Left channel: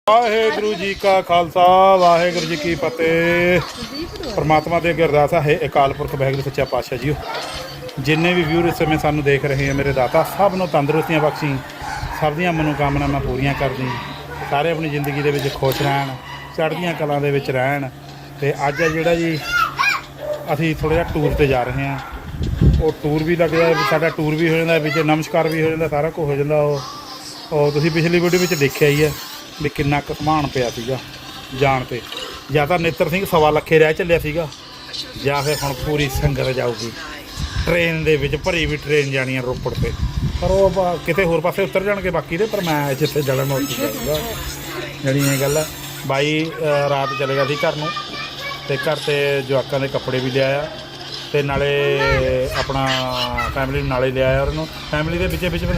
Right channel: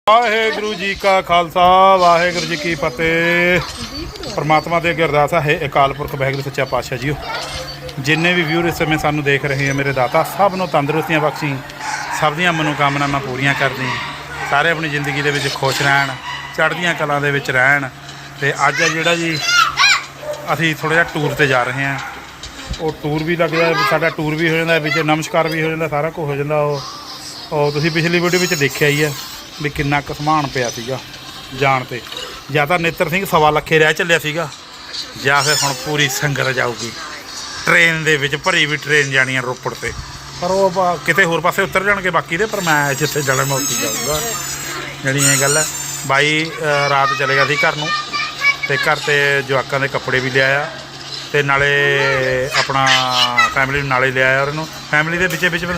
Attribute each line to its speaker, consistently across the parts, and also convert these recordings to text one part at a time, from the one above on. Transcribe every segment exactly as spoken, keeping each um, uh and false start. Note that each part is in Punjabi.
Speaker 1: ਵਾਹਿਗੁਰੂ ਜੀ ਕਾ ਖਾਲਸਾ ਵਾਹਿਗੁਰੂ ਜੀ ਕੀ ਫਤਿਹ। परमात्मा ਦੇ ਅੱਗੇ ਅਰਦਾਸ ਹੈ ਅਕਾਲ ਪੁਰਖ ਵਾਹਿਗੁਰੂ ਸੱਚਾ ਪਾਤਸ਼ਾਹ ਜੀਓ, ਜਿੰਨੇ ਵੀ ਵਿਊਰ ਇਸ ਸਮੇਂ ਸਾਨੂੰ ਦੇਖ ਰਹੇ ਆ ਮੇਰੇ ਦਾਤਾ, ਸਭ ਨੂੰ ਤੰਦਰੁਸਤੀਆਂ ਬਖਸ਼ੀ, ਸਭ ਦੀਆਂ ਮਨੋਕਾਮਨਾਵਾਂ ਪੂਰੀਆਂ ਕਰਦੀ, ਸਾਰੇ ਆਪਣੀ ਜ਼ਿੰਦਗੀ ਦੇ ਵਿੱਚ ਖੁਸ਼ ਰਹਿਣ, ਚੜ੍ਹਦੀਆਂ ਕਲਾਂ ਦੇ ਵਿੱਚ ਰਹਿਣ। ਤੇ ਅੱਜ ਜਿਹੜਾ ਜੀ ਅਸੀਂ ਥੋੜ੍ਹਾ ਜਿਹਾ ਟੂਰ 'ਤੇ ਜਾ ਰਹੇ ਹਾਂ, ਉਹ ਟੂਰ ਵੀ ਲੱਗਦਾ, ਸਾਡਾ ਟੂਰ ਵੀ ਹੋ ਜਾਂਦਾ ਵਿੱਚ, ਨਮਸਕਾਰ ਵੀ ਹੋ ਜਾਂਦਾ, ਸਾਰਾ ਕੁਝ ਹੋ ਜਾਂਦਾ। ਉਹ ਉਹ ਤੁਸੀਂ ਪਿਛਲੀ ਵੀਡੀਓ ਵਿੱਚ ਦੇਖਿਆ ਹੀ ਹੈ ਵੀ ਕਿੰਨਾ ਕੁ ਸਮਾਨ ਪਿਆ ਸੀਗਾ ਜਾਣ 'ਤੇ। ਜਾਂ ਤਾਂ ਨੇਤਰ ਸਿੰਘ ਸਵਾ ਲੱਖੇ ਰਹਿ ਚੱਲਿਆ ਸੀਗਾ, ਜਾਂ ਫਿਰ ਹੁਣ ਪੂਰੀ ਸੰਗਤ ਜਾਊਗੀ ਟ੍ਰੇਨ ਦੇ ਵਿੱਚ, ਭਰੀ ਵੀ ਟ੍ਰੇਨ ਜਾਣੀ ਆ ਰੋਪੜ 'ਤੇ, ਪਰ ਉਹ ਕਿਤੇ ਹੋਰ ਪਾਸੇ ਉਤਰ ਜਾਣਗੇ ਬਾਕੀ ਦੇ, ਪਰ ਮੈਂ ਜਿੱਥੇ ਜਾਣਾ ਮੈਂ ਉੱਥੇ ਜਾਊਂਗਾ। ਜਿਹੜੀ ਇਹ ਗੱਲ ਹੈ, ਬਾਈ ਰਾਤ ਚਲੇ ਗਿਆ ਸੀ ਘਰ ਨੂੰ, ਅਤੇ ਘਰ 'ਤੇ ਜਵਾਕਾਂ ਦੇ ਕੱਪੜੇ ਵੀ ਲਿਆਇਆ, ਅਤੇ ਨਾਲੇ ਆਪਣਾ ਫੈਮਿਲੀ ਨੂੰ ਨਾਲੇ ਲਿਆਇਆ। ਉਹਨੂੰ ਫੈਮਿਲੀ ਦੇ ਵਿੱਚ ਵਿੱਚ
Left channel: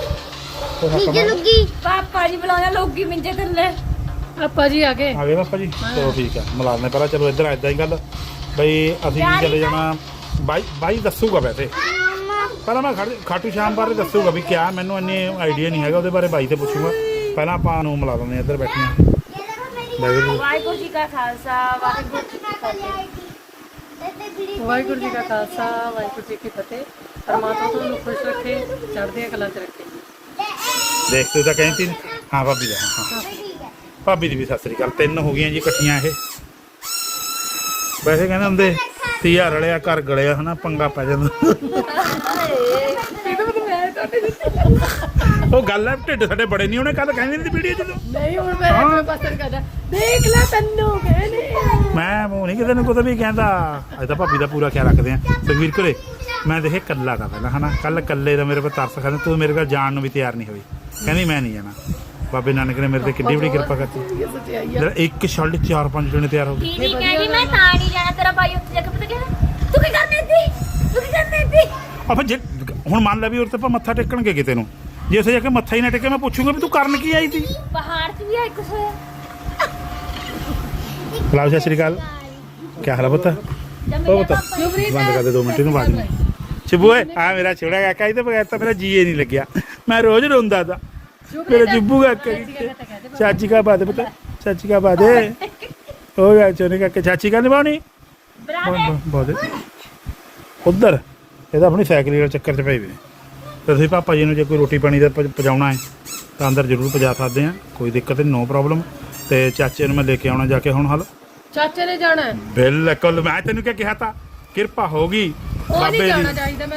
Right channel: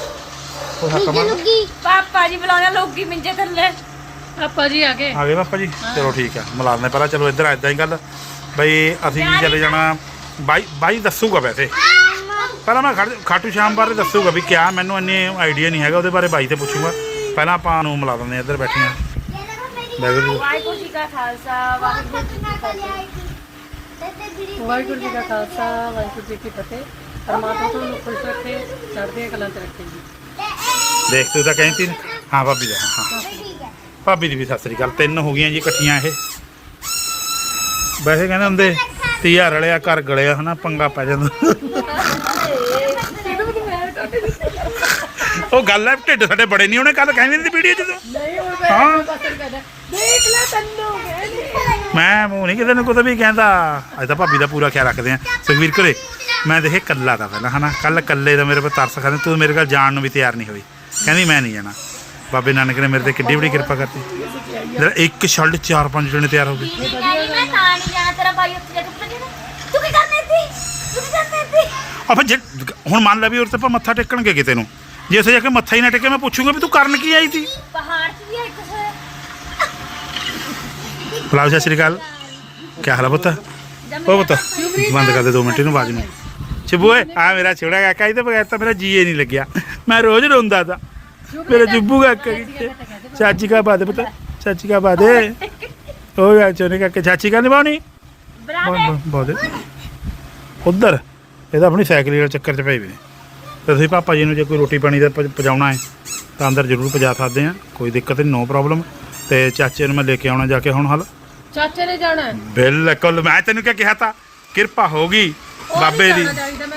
Speaker 2: ਪਾਪਾ ਜੀ ਬੁਲਾਉਣਾ ਲੋਕੀ ਮਿੰਜੇ ਥੱਲੇ। ਪਾਪਾ ਜੀ ਆ ਗਏ
Speaker 1: ਆ ਗਏ ਪਾਪਾ ਜੀ, ਚਲੋ ਠੀਕ ਹੈ ਮਿਲਾ ਦਿੰਦੇ ਪਹਿਲਾਂ। ਚਲੋ ਇੱਧਰ ਇੱਦਾਂ ਹੀ ਗੱਲ ਬਈ, ਅਸੀਂ ਵੀ ਚਲੇ ਜਾਣਾ। ਬਾਈ ਬਾਈ ਦੱਸੂਗਾ ਵੈਸੇ, ਪਹਿਲਾਂ ਮੈਂ ਖੜ ਖਾਟੂ ਸ਼ਾਮ ਬਾਰੇ ਦੱਸੂਗਾ ਵੀ ਕਿਆ, ਮੈਨੂੰ ਇੰਨੀ ਆਈਡੀਆ ਨਹੀਂ ਹੈਗਾ ਉਹਦੇ ਬਾਰੇ, ਬਾਈ ਤੇ ਪੁੱਛੂਗਾ। ਪਹਿਲਾਂ ਆਪਾਂ ਨੂੰ ਮਿਲਾ ਦਿੰਦੇ ਇੱਧਰ ਬੈਠੀਆਂ।
Speaker 2: ਵਾਹਿਗੁਰੂ ਜੀ ਕਾ ਖਾਲਸਾ ਵਾਹਿਗੁਰੂ ਜੀ ਕੀ ਫਤਿਹ। ਵਾਹਿਗੁਰੂ ਜੀ ਕਾ ਖਾਲਸਾ ਵਾਹਿਗੁਰੂ ਜੀ ਕੀ ਫਤਿਹ। ਪਰਮਾਤਮਾ ਤੁਹਾਨੂੰ ਖੁਸ਼ ਰੱਖੇ, ਚੜ੍ਹਦੀਆਂ ਕਲਾਂ 'ਚ ਰੱਖੇ ਜੀ।
Speaker 1: ਦੇਖ ਤੂੰ ਤਾਂ ਕਹਿੰਦੀ ਹਾਂ ਭਾਬੀ ਦਾ, ਹਾਂ ਭਾਬੀ ਦੀ ਵੀ ਸਤਿ ਸ੍ਰੀ ਅਕਾਲ। ਤਿੰਨ ਹੋ ਗਈਆਂ ਜੀ ਇਕੱਠੀਆਂ ਇਹ। ਵੈਸੇ ਕਹਿੰਦੇ ਹੁੰਦੇ ਤੀਆ ਰਲਿਆ ਘਰ ਗਲਿਆ, ਹਨਾ ਪੰਗਾ ਪੈ ਜਾਂਦਾ। ਉਹ ਗੱਲ ਹੈ, ਢਿੱਡ ਸਾਡੇ ਬੜੇ ਨਹੀਂ ਹੋਣੇ, ਕੱਲ ਕਹਿੰਦੇ ਨਹੀਂ ਵੀਡੀਓ ਚ। ਹਾਂ
Speaker 2: ਦੇਖ ਲੈ ਤੈਨੂੰ ਕਹਿੰਦੇ
Speaker 1: ਮੈਂ ਮੂੰਹ ਨਹੀਂ ਕਿਸੇ ਨੂੰ ਕੁਝ ਵੀ ਕਹਿੰਦਾ। ਅੱਜ ਤਾਂ ਭਾਬੀ ਦਾ ਪੂਰਾ ਖਿਆਲ ਰੱਖਦੇ ਆ। ਸੁਖਵੀਰ ਘਰੇ ਮੈਂ ਦੇਖੇ ਕੱਲਾ ਦਾ ਪਹਿਲਾਂ, ਹਨਾ ਕੱਲ ਕੱਲੇ ਦਾ ਮੇਰੇ ਕੋਲ ਤਰਸ ਖਾਂਦੇ, ਤੂੰ ਮੇਰੇ ਕੋਲ ਜਾਣ ਨੂੰ ਵੀ ਤਿਆਰ ਨਹੀਂ ਹੋਈ, ਕਹਿੰਦੀ ਮੈਂ ਨਹੀਂ ਜਾਣਾ। ਬਾਬੇ ਨਾਨਕ ਨੇ ਮੇਰੇ ਤੇ ਕਿੱਡੀ ਬੜੀ ਕਿਰਪਾ ਕਰਤੀ, ਜਿਹੜਾ ਇੱਕ ਛੱਡ ਚਾਰ ਪੰਜ ਜਣੇ ਤਿਆਰ ਹੋ ਗਏ।
Speaker 2: ਕਹਿੰਦੀ ਮੈਂ ਤਾਂ ਨਹੀਂ ਜਾਣਾ, ਤੇਰਾ ਭਾਈ ਉੱਥੇ ਜਾ ਕੇ ਪਤਾ ਕਹਿੰਦਾ ਤੂੰ ਕੀ ਕਰਨੀ ਸੀ, ਤੂੰ ਕੀ ਕਰਨੀ ਸੀ।
Speaker 1: ਆ ਫਿਰ ਜੇ ਹੁਣ ਮੰਨ ਲੈ ਵੀ ਉਰੇ ਤੇ ਆਪਾਂ ਮੱਥਾ ਟੇਕਣਗੇ ਕਿਤੇ ਨੂੰ, ਜੇ ਉੱਥੇ ਜਾ ਕੇ ਮੱਥਾ ਹੀ ਨਾ ਟੇਕੇ, ਮੈਂ ਪੁੱਛੂਗਾ ਵੀ ਤੂੰ ਕਰਨ ਕੀ ਆਈ ਸੀ।
Speaker 2: ਪਹਾੜ 'ਚ ਵੀ ਆ ਇੱਕ ਸੇ।
Speaker 1: ਬੁਲਾਓ ਸਤਿ ਸ਼੍ਰੀ ਅਕਾਲ, ਕੀ ਹਾਲ ਹੈ ਪੁੱਤ? ਉਹ ਪੁੱਤ ਬੰਦ ਕਰ ਦੇ ਦੋ ਮਿੰਟ, ਇਹਨੂੰ ਆਵਾਜ਼ ਨੂੰ। ਚਿੱਬੂ ਓਏ ਆ ਮੇਰਾ ਛੋੜਾ ਕਾਕਾ, ਇਹਦੇ ਬਗੈਰ ਤਾਂ ਮੇਰਾ ਜੀਏ ਨਹੀਂ ਲੱਗਿਆ, ਮੈਂ ਰੋਜ਼ ਰੋਂਦਾ ਤਾ। ਮੇਰਾ ਚਿੱਬੂ ਕਾਕਾ ਕਿੱਥੇ? ਚਾਚੀ ਕਾ ਬਾਤ ਪੁੱਤ, ਚਾਚੀ ਕਾ ਬਾਤ ਉਹ ਯਾਰ ਚੋਨੇ ਕਾਕੇ, ਚਾਚੀ ਕਾ ਨਿਭਾਉਣੀ ਬਹੁਤ ਉੱਧਰ। ਇਹਦਾ ਆਪਣੀ ਸਾਈਕਲ ਦੇ ਚੱਕਰ 'ਚ ਪਏ ਵੇ। ਤੇ ਤੁਸੀਂ ਪਾਪਾ ਜੀ ਨੂੰ ਜੇ ਕੋਈ ਰੋਟੀ ਪਾਣੀ ਦਾ ਪਹੁੰਚਾਉਣਾ ਹੈ ਤਾਂ ਅੰਦਰ ਜ਼ਰੂਰ ਪਹੁੰਚਾ ਸਕਦੇ ਹਾਂ, ਕੋਈ ਦਿੱਕਤ ਨਹੀਂ, ਨੋ ਪ੍ਰੋਬਲਮ। ਤੇ ਚਾਚੇ ਨੂੰ ਮੈਂ ਲੈ ਕੇ ਆਉਣਾ ਜਾ ਕੇ ਹੁਣ। ਹਲ ਚਾਚੇ ਨੇ ਜਾਣਾ ਬਿਲਕੁਲ, ਮੈਂ ਤੈਨੂੰ ਕਿਆ ਕਿਹਾ ਤਾ, ਕਿਰਪਾ ਹੋ ਗਈ ਬਾਬੇ ਦੀ।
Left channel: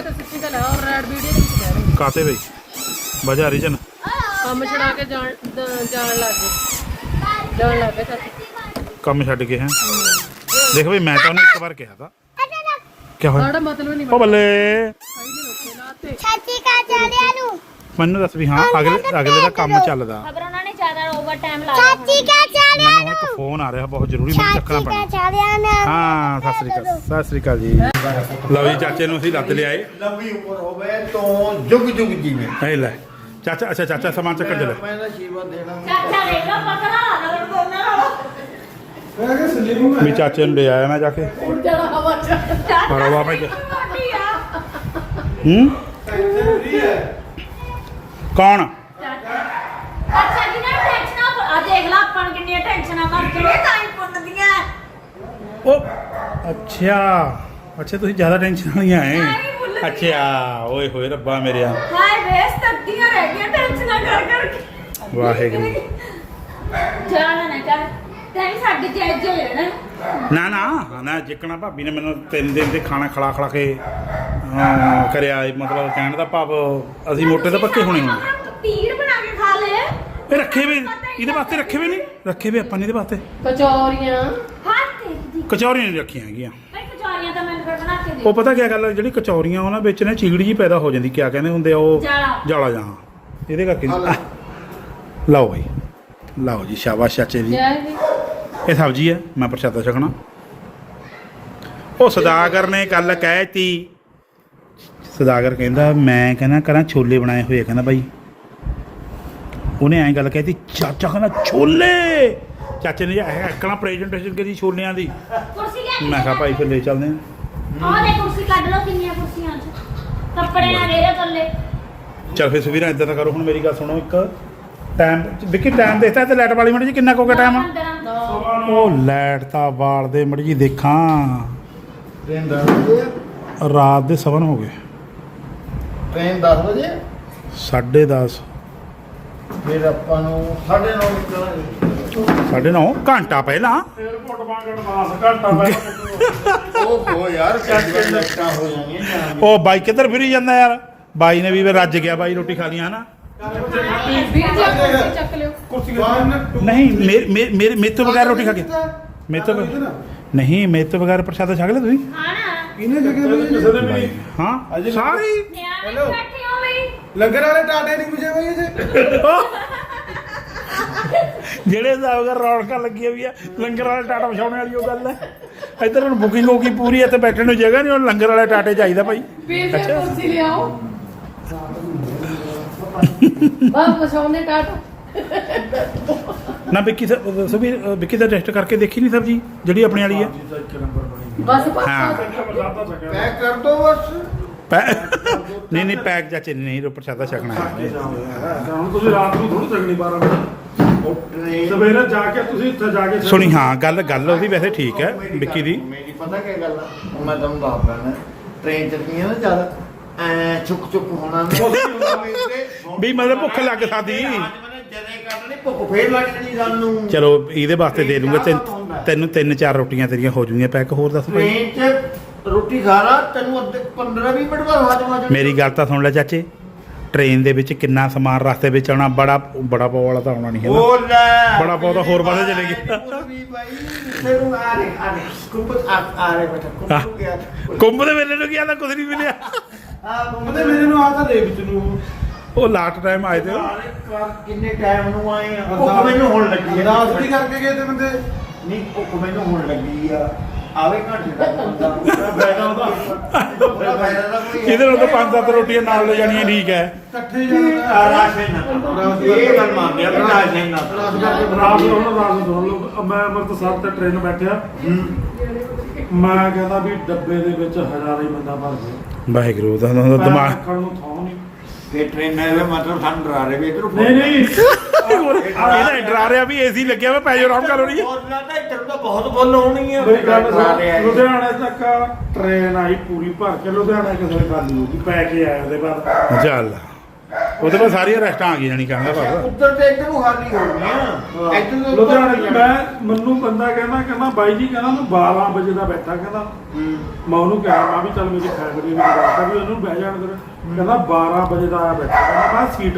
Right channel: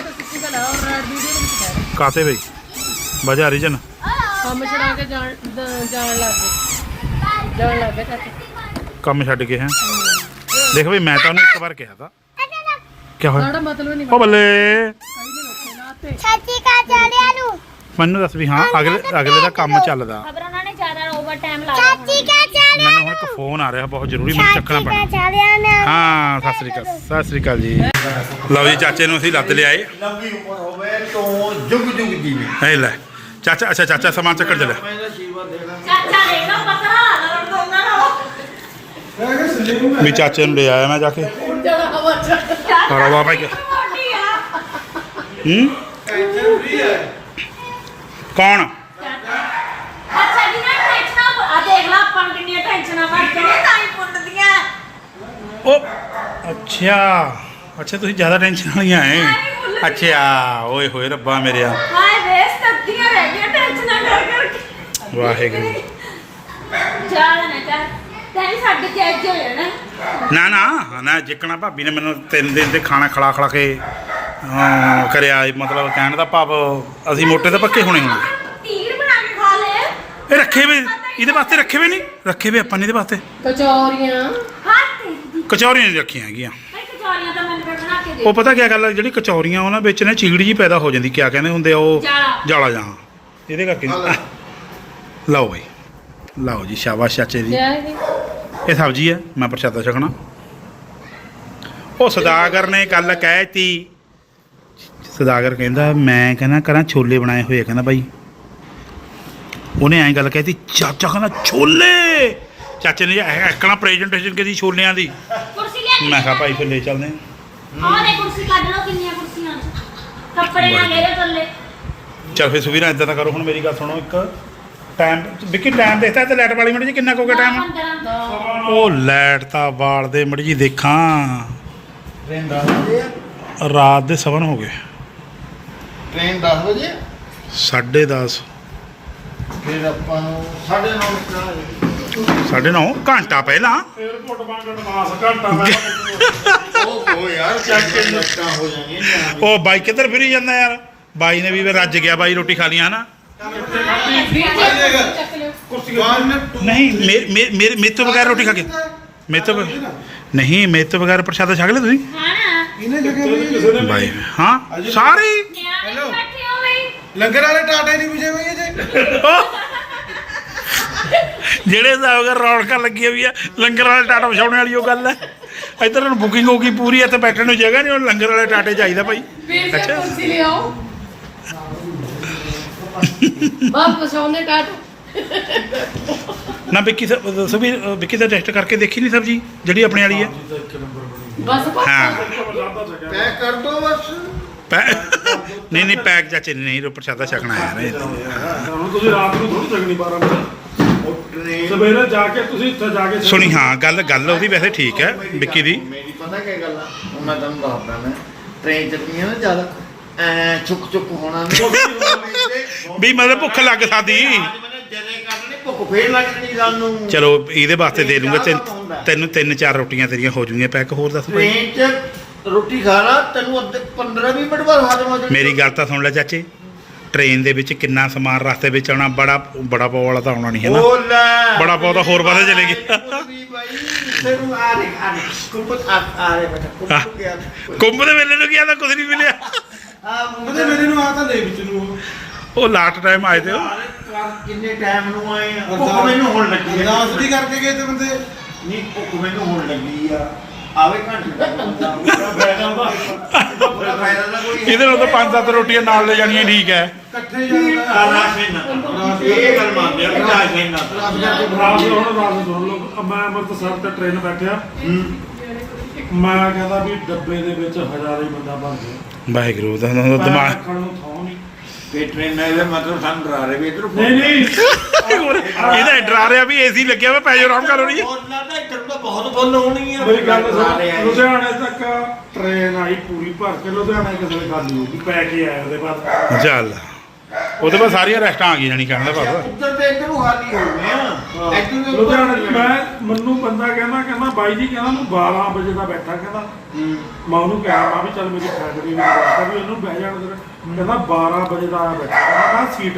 Speaker 1: ਕਾਤੇ ਬਈ ਵਜ੍ਹਾ ਰੀਜਨ
Speaker 2: ਕੰਮ ਛੜਾ ਕੇ ਜਾਣ ਜਾਣ ਲੱਗ ਗਏ ਜਾਣ ਲੱਗ ਗਏ ਚਾਚੇ
Speaker 1: ਕੰਮ ਛੱਡ ਕੇ। ਹੈ ਦੇਖ ਬਈ, ਮੈਂ ਤਾਂ ਉਹਨੂੰ ਇੱਕ ਵਾਰ ਕਿਹਾ ਤਾ, ਕਿਆ ਹੋਇਆ ਉਹ ਬੱਲੇ
Speaker 2: ਚਾਚੀ ਕਾ ਜਾਣਿਆ ਨੂੰ
Speaker 1: ਮੈਨੂੰ ਦੱਸ ਵੀ। ਹਾਂ ਅਗਲੇ ਅਗਲੇ ਦਾ ਕੰਮ ਚੱਲਦਾ,
Speaker 2: ਖਬਰ ਉਹਨਾਂ ਨੇ ਜ਼ਿਆਦਾ ਓਵਰ ਟਾਈਮ ਲਾਇਆ। ਚਾਚੀ ਕਾ
Speaker 1: ਮੈਨੂੰ ਹੁਣ ਇੱਕ ਫੋਨ ਆ ਰਿਹਾ ਬਹੁਤ ਜ਼ਰੂਰੀ, ਮੈਨੂੰ ਚੱਕਣਾ ਪੈਣਾ। ਹਾਂ ਸਤਿ ਸ੍ਰੀ ਅਕਾਲ, ਸਤਿ ਸ੍ਰੀ ਅਕਾਲ ਜੀ। ਲਓ ਜੀ ਚਾਚੇ ਨੂੰ ਅਸੀਂ ਲੱਦ ਲਿਆਏ।
Speaker 3: ਲੰਬੀ ਉਮਰ ਹੋਵੇ ਤੋਂ ਜੁਗ ਜੁਗ ਜੀਵੇ।
Speaker 1: ਇਹ ਲੈ ਚਾਚਾ, ਅੱਛਾ ਚਾਚਾ ਸਮਾਨ ਚੱਕਣ ਚੱਲਿਆ।
Speaker 2: ਚਾਚਾ ਦੇਖੋ ਪਤਰਾ ਨਾਲ ਦੋਨਾਂ ਨਾਲ
Speaker 1: ਵੀ ਚਾਚੇ ਨੂੰ ਲੈ ਆਇਆ ਮੈਂ ਜਾ ਕੇ। ਰਵਾ ਭਾਈ ਹੂੰ ਕੌਣ?
Speaker 2: ਅੱਛਾ ਜੀ ਨਾ ਟੈਨਸ਼ਨ ਆ, ਦੇਖ ਲਾ ਆਪਾਂ ਕਿੰਨੀਆਂ ਟੈਨਸ਼ਨਾਂ ਕਰਕੇ ਤਾਂ ਹੀ ਪੁੰਨਦੀਆਂ।
Speaker 1: ਉਹ ਅੱਛਾ ਅੱਛਾ, ਤੁਸੀਂ ਜ਼ਿਆਦਾ ਟੈਨਸ਼ਨ ਵਾਲੀਆਂ ਐ। ਅੱਛਾ ਓਏ ਹੋਏ ਰੱਬਾ ਮੇਰਿਆ,
Speaker 2: ਹਾਏ ਵੇਸ ਤੱਤੀਆਂ ਰਹਿ ਗਈਆਂ ਟੈਨਸ਼ਨਾਂ ਕਰ ਕਰਕੇ।
Speaker 1: ਵਾਹਿਗੁਰੂ
Speaker 2: ਜਾਣ ਨਾ ਕਰ, ਤੈਨੂੰ ਸਾਡੇ ਤੇ ਅੱਜ ਹੋ ਜਾਣਾ।
Speaker 1: ਨਾ ਨਾ ਨਾ ਜਿੱਕਣਾ ਭਾਬੀ ਨੇ ਮੈਨੂੰ ਤਿੰਨ ਦਿਨ ਤੇ ਖਾਣਾ ਖਿਲਾ ਖਿਲਾ ਕੇ ਅਹ, ਕਰਿਆ, ਮਤਲਬ ਕਹਿਣ ਦਾ ਭਾਵ ਅਸੀਂ ਮੋਟੇ ਤਾਂ ਪੱਕੇ ਹੋਣੇ ਹੁਣ।
Speaker 2: ਤੀਰ ਬਣਾ ਕੇ ਖਾ ਲੈ।
Speaker 1: ਇਹ ਰੱਖੇ ਵੇ ਇਹਦੇ ਵਾਸਤੇ, ਰੱਖੇ ਵੇ ਨਹੀਂ ਰੱਖੇ ਵੇ ਆਪਾਂ ਨੇ ਇਹਦੇ ਵਾਸਤੇ।
Speaker 2: ਕਚੌਰੀਆਂ ਹੱਥ
Speaker 1: ਕਚੌਰੀਆਂ ਨਹੀਂ ਰੱਖੀਆਂ ਹੈਗੀਆਂ।
Speaker 2: ਕਚੌਰੀਆਂ ਤਾਂ ਮੈਨੂੰ ਬਣਾ ਕੇ ਦੇ।
Speaker 1: ਉਹ ਪਤਾ ਕੀ ਗੱਲ ਹੈ, ਜਿਹੜੀ ਕਚੌਰੀਆਂ ਉਹਨਾਂ ਵਿੱਚ ਨੇ ਚੀੜ ਜੀ ਪੈਦਾ ਹੋ ਜਾਂਦੀ, ਕਿਆ ਕਹਿੰਦੇ ਹੁੰਦੇ ਆ ਉਹ, ਜਾਲਾ ਜਾਂ, ਇਹਦੇ ਕਰਕੇ। ਲਓ ਬਾਈ ਲਓ ਜੀ, ਸ਼ਾਬਾਸ਼ ਚਾਚੇ ਜੀ। ਇਹ ਸਬਜ਼ੀ ਹੈ, ਮੈਂ ਪ੍ਰਸ਼ਾਦਾ ਛਕਣਾ। ਉਹ ਸਦਾਗਰ ਨੇ ਕੱਲ ਕਹਿ ਤੀ, ਸਦਾਗਰ ਕਹਿੰਦਾ ਮੈਂ ਕਹਿੰਦਾ ਕਰਾਂ ਛੋਲੇ ਬਣਾਏ ਹੋਏ, ਕਹਿੰਦਾ ਬਾਈ ਉਹਨੇ ਐਂ ਗੱਲ ਕਹਿਤੀ, ਚਾਚਾ ਕਹਿੰਦਾ ਛੋਲੇ। ਚਾਚੇ ਨੇ ਐਕਣਾ ਪ੍ਰੈਜੈਂਟੇਸ਼ਨ ਕੀਤੀ ਛੋਲਿਆਂ ਦੀ।
Speaker 2: ਕੁਰਸੀ ਲੈ,
Speaker 1: ਮੈਂ ਕਿਹਾ ਭਾਈ ਫਿਰ ਲੈ ਚੱਲਦੇ ਹਾਂ।
Speaker 2: ਆਹ ਦੇ ਕੁਰਸੀ ਕੱਢ ਲਓ, ਕਿੰਨੀਆਂ ਕੁਰਸੀਆਂ ਕੱਪੜੇ ਨਾ ਘੇਰੇ ਥੱਲੇ।
Speaker 1: ਚੱਲ ਫਿਰ ਸੁਵੀਰਾਂ ਇੱਦਾਂ ਤਾਂ ਕਰੋ, ਹੁਣ ਮੇਰੀ ਗੱਲ ਸੁਣੋ, ਇੱਕ ਟਾਈਮ ਵਿੱਕੀ ਟਾਈਮ ਦੇਖਦਾ ਤੇ ਲਾਈਟ ਵਾਲੀ ਮੜੀ ਜੀ ਕਿੰਨਾ ਕੁ ਹੋ ਗਿਆ ਟਾਈਮ ਉਹ ਲਾਈਟ ਤਾਂ ਬਾਲ ਦੇ ਮੜੀ ਜੀ ਦੇਖਾਂ
Speaker 3: ਟ੍ਰੇਨ ਦਸ ਵਜੇ ਆ
Speaker 1: ਰਾਤ ਦੇ ਸਵਨ ਹੋ ਗਏ
Speaker 3: ਟ੍ਰੇਨ ਦਸ ਵਜੇ
Speaker 1: ਸਾਢੇ ਦਸ
Speaker 3: ਫਿਰ ਆਪਾਂ ਨੂੰ ਸਾਢੇ ਨੌ ਨਿਕਲਣਾ
Speaker 1: ਸਾਢੇ ਨੌ ਘੰਟਾ ਪਹਿਲਾਂ
Speaker 4: 에어ਪੋਰਟ ਵਾਂਗ ਐਡਵਾਂਸ ਘੰਟਾ ਪਹਿਲਾਂ
Speaker 3: ਉਹ ਹੋ ਯਾਰ ਚੱਕ ਕੇ ਲੱਤਾਂ ਹੋ ਜਾਣਗੀਆਂ
Speaker 1: ਉਹ ਬਾਈ ਕਿੱਧਰ ਫਿਰੀ ਜਾਂਦਾ ਯਾਰ ਬਾਈ ਨੇ ਵੀ ਫਿਰ ਰੱਜ ਗਿਆ ਬਾਈ ਰੋਟੀ ਖਾ ਲਈ ਹਨਾ
Speaker 2: ਚੱਕ ਲਿਓ
Speaker 1: ਨਹੀਂ ਮੇ- ਮੇ- ਮੇਰੇ ਮੇਰੇ ਤੋਂ ਬਗੈਰ ਰੋਟੀ ਖਾ ਕੇ ਮੇਰੇ ਤੋਂ ਬਗੈਰ- ਨਹੀਂ ਮੇਰੇ ਤੋਂ ਬਗੈਰ ਪ੍ਰਸ਼ਾਦਾ ਛਕ ਲਿਆ ਤੁਸੀਂ
Speaker 3: ਇਹਨੇ ਜਗ੍ਹਾ
Speaker 4: ਕਿਸੇ ਦੇ
Speaker 1: ਬਾਈ ਹਾਂ ਸਾਰੇ ਹੀ।
Speaker 3: ਲੰਗਰ ਵਾਲੇ ਟਾਟਾ ਹੀ ਨਹੀਂ ਪੁੱਛੇ ਬਈ ਇਹਦੇ
Speaker 1: ਜਿਹੜੇ ਹਿਸਾਬ ਨਾਲ ਰੌਣਕਾਂ ਲੱਗੀਆਂ ਵੀ ਆ ਲੰਗਰ ਵਾਲੇ ਟਾਟਾ ਵਿਛਾਉਣ ਵਾਲੀ ਉਹ ਗੱਲ ਹੈ ਇੱਧਰ ਹੁਣ ਬੁਕਿੰਗ ਹੋ ਗਈ ਪੂਰੀ ਇੱਥੇ ਬੈਠਣ ਨੂੰ ਜਗ੍ਹਾ ਨਹੀਂ ਹੁਣ ਲੰਗਰ ਵਾਲੇ ਟਾਟੇ ਚਾਹੀਦਾ ਭਾਈ ਅੱਛਾ
Speaker 2: ਕੁਰਸੀ ਲਿਆਓ ਵਾਪਸ ਆਉਣੇ ਕਾਟ
Speaker 1: ਨਾ ਵਿੱਕੀ ਸਰ ਦੱਸੋ ਵੀ ਅ, ਵਿੱਕੀ ਦਾ ਟੈਸਟ ਕਰਕੇ ਦੇਖੀ ਨਹੀਂ ਸਬਜੀ ਜਿਹੜੀ ਆਪਣੇ ਵਾਲੀ ਹੈ
Speaker 2: ਬਸ
Speaker 1: ਹਾਂ
Speaker 3: ਪੈਕ ਕਰ ਦੋ ਬਸ
Speaker 1: ਪੈ ਨਹੀਂ ਨਹੀਂ ਪੈਕ ਚਾਚੇ ਨੇ ਨਹੀਂ ਰੋ ਪ੍ਰਸ਼ਾਦਾ ਛਕਣਾ ਹੈ ਨਾ
Speaker 4: ਹੁਣ ਤੁਸੀਂ ਰਾਤ ਨੂੰ ਥੋੜੀ ਚੱਕਣੀ ਬਾਰਾਂ ਵਜੇ
Speaker 3: ਉਹ ਟ੍ਰੇਨ
Speaker 4: ਸਵੇਰੇ ਜਾ ਕੇ ਤੁਸੀਂ ਉੱਥੇ ਜਾ ਕੇ
Speaker 1: ਸੁਣੀ ਹਾਂ ਗੱਲ ਗੱਲ ਉਹਦੀ ਵੈਸੇ ਠੀਕ ਹੈ ਵਿੱਕੀ ਦੀ
Speaker 3: ਮੇਰੀ ਪਤਾ ਕੀ ਗੱਲ ਆ ਹੁਣ ਮੈਂ ਤੁਹਾਨੂੰ ਦੱਸਦਾ ਮੈਂ ਟ੍ਰੇਨ ਚ ਪੀਆਂ ਨਾ ਜ਼ਿਆਦਾ ਐ ਚੁੱਕ ਚੁੱਕ ਹੋਣਾ
Speaker 1: ਵੀ ਮਤਲਬ ਭੁੱਖ ਲੱਗ ਸਕਦੀ
Speaker 3: ਜਦੇ ਕਰਨੀ ਭੁੱਖ ਫੇਰ ਲੱਗਣੀ ਸਾਨੂੰ
Speaker 1: ਚਲੋ ਇਹਦੇ ਵਾਸਤੇ ਦੇ ਦੂੰਗਾ ਤੈਨੂੰ ਤੈਨੂੰ ਤਿੰਨ ਚਾਰ ਰੋਟੀਆਂ ਤੇਰੀਆਂ ਹੋ ਜੂਗੀਆਂ ਪੈਕ ਹੋਰ ਦੱਸ ਭਾਈ
Speaker 3: ਟ੍ਰੇਨ ਚ ਰੋਟੀ ਖਾ ਲਾ ਤੈਨੂੰ ਅੱਧੇ ਪੰਦਰਾਂ ਵੀਹ ਮਿੰਟ ਬਾਅਦ ਹਜਮ ਆ ਜਾਣੀ
Speaker 1: ਮੇਰੀ ਗੱਲ ਤਾਂ ਸੁਣ ਲੈ ਚਾਚੇ ਟ੍ਰੇਨ ਦੇ ਵਿੱਚ ਕਿੰਨਾ ਸਮਾਨ ਰਸਤੇ ਵਿੱਚ ਆਉਣਾ ਬੜਾ ਬੜਾ ਪਾਉ ਵਾਲਾ ਤਾਂ ਆਉਣਾ ਨਹੀਂ ਹੈ ਨਾ
Speaker 3: ਉਹ ਲੈ
Speaker 1: ਬੜਾ ਪਾਉ ਤਾਂ ਹੋਰ ਪਾਸੇ ਚਲੇ ਗਿਆ
Speaker 3: ਤੈਨੂੰ ਆ ਰੇ ਆ ਰੇ ਕੁੰਭ ਆ ਆ ਰੇ ਬੇਟਾ ਕੁੰਭ ਗਿਆ
Speaker 1: ਕੁੰਭ ਦੇ ਵੇਲੇ ਨੂੰ ਕੀ ਆਦਾ ਕੁਝ ਨਹੀਂ ਮਿਲਿਆ
Speaker 3: ਆ
Speaker 4: ਉਹਦੇ ਮੇਰੇ ਨੂੰ ਆ ਤਾਂ ਦੇ ਵਿੱਚ ਨੂੰ
Speaker 1: ਉਹ ਲਾਸਟ ਟਾਈਮ ਆਏ ਤੇ ਉਹ।
Speaker 3: ਕਿੰਨੇ ਟਾਈਮ ਨੂੰ ਆਏ ਆ ਭੁੱਖ ਮੈਨੂੰ ਹੋਣ ਲੱਗੀ ਆ
Speaker 4: ਅਰਦਾਸ ਵੀ ਕਰਕੇ ਗਏ ਤੇ ਬੰਦੇ
Speaker 3: ਨਹੀਂ ਭੁੱਖ ਮੈਨੂੰ ਹੋਣ ਲੱਗੀ ਆ ਆਵੇ ਘੰਟੇ ਤੱਕ ਬੰਦਾ
Speaker 4: ਫਾਇਦਾ ਉਹਦਾ
Speaker 3: ਉਹਦਾ ਫਾਇਦਾ ਤਾਂ ਕੋਈ ਹੈ
Speaker 1: ਇਹਦੇ ਨਾਲ ਤਾਂ ਪੰਜ ਸੱਤ ਰੋਟੀਆਂ ਨਾਲ ਲੈ ਜਾਣੀਆਂ ਠੀਕ ਹੈ
Speaker 4: ਇਕੱਠੇ ਜਾਣਾ
Speaker 3: ਰਾਸ਼ਨ ਨਾ ਇਹ ਗੱਲ ਮੰਨਦੇ ਆ ਵੀ ਰਾਸ਼ਨ ਨਾ
Speaker 4: ਰਾਤ ਨੂੰ ਹੁਣ ਰਾਤ ਨੂੰ ਸੁਣ ਲਓ ਮੈਂ ਅੰਮ੍ਰਿਤਸਰ ਤੇ ਟ੍ਰੇਨ ਬੈਠਿਆ ਮੈਂ ਕਹਿੰਦਾ ਵੀ ਡੱਬੇ ਦੇ ਵਿੱਚ ਹਜ਼ਾਰਾਂ ਹੀ ਬੰਦਾ ਭਰ ਗਿਆ
Speaker 1: ਵਾਹਿਗੁਰੂ ਦਾ ਦਾ
Speaker 4: ਪੈਰ
Speaker 1: ਦਿਮਾਗ
Speaker 4: ਰੱਖਣ ਨੂੰ ਥਾਂ ਨਹੀਂ
Speaker 3: ਇਹ ਟ੍ਰੇਨ ਨਾਲ ਮਤਲਬ ਸਾਨੂੰ ਡਰਾ ਰਹੇ ਵੀ ਇਧਰ
Speaker 4: ਨਹੀਂ ਨਹੀਂ
Speaker 1: ਇਹਦਾ ਡਰਾ ਰਿਹਾ ਵੀ ਏਸੀ ਲੱਗਿਆ ਵਾ ਪੈ ਜਾਓ ਆਰਾਮ ਕਰ ਰਹੀ ਹੈ
Speaker 3: ਬੋਲਣਾ ਤਾਂ ਇੱਧਰ ਤਾਂ ਬਹੁਤ ਬੋਲ ਹੋਣੀ ਆ
Speaker 4: ਮੇਰੀ ਗੱਲ
Speaker 3: ਡਰਾ ਰਹੇ
Speaker 4: ਸੁਣ
Speaker 3: ਆ।
Speaker 4: ਲੁਧਿਆਣੇ ਤੱਕ ਟ੍ਰੇਨ ਆਈ ਪੂਰੀ ਭਰ ਕੇ ਲੁਧਿਆਣੇ ਕਿਸੇ ਦੇ ਖਾਲੀ ਹੋ ਗਈ ਪੈ ਕੇ ਆਇਆ ਉਹਦੇ ਬਾਅਦ
Speaker 1: ਚੱਲ ਉਹਦੇ ਬਾਅਦ ਸਾਰੀਆਂ ਰੈਸਟਾਂ ਆ ਗਈਆਂ ਨਹੀਂ ਕਹਿੰਦਾ ਬਾਬਾ
Speaker 3: ਇੱਧਰ ਤੇ ਇੱਧਰ ਨੂੰ ਹਾਲੀ ਹੋ ਗਏ ਆ ਇੱਧਰ ਦੇ ਉੱਪਰ
Speaker 4: ਲੁਧਿਆਣੇ 'ਚ ਮੈਂ ਮੈਨੂੰ ਬੰਦਾ ਕਹਿੰਦਾ ਕਹਿੰਦਾ ਬਾਈ ਜੀ ਕਹਿੰਦਾ ਮੈਂ ਬਾਰਾਂ ਵਜੇ ਦਾ ਬੈਠਾ ਕਹਿੰਦਾ ਮੈਂ ਉਹਨੂੰ ਕਿਹਾ ਮੈਂ ਵੀ ਚੱਲ ਮੇਰੀ ਫੈਮਿਲੀ ਵੀ ਬਾਤ ਵੀ ਉਹਨੂੰ ਬਹਿ ਜਾਣ ਦੇ ਕਹਿੰਦਾ ਬਾਰਾਂ ਵਜੇ ਦਾ ਆਇਆ ਬੈਠਾ ਕਹਿੰਦਾ ਮੈਂ ਸੀਟ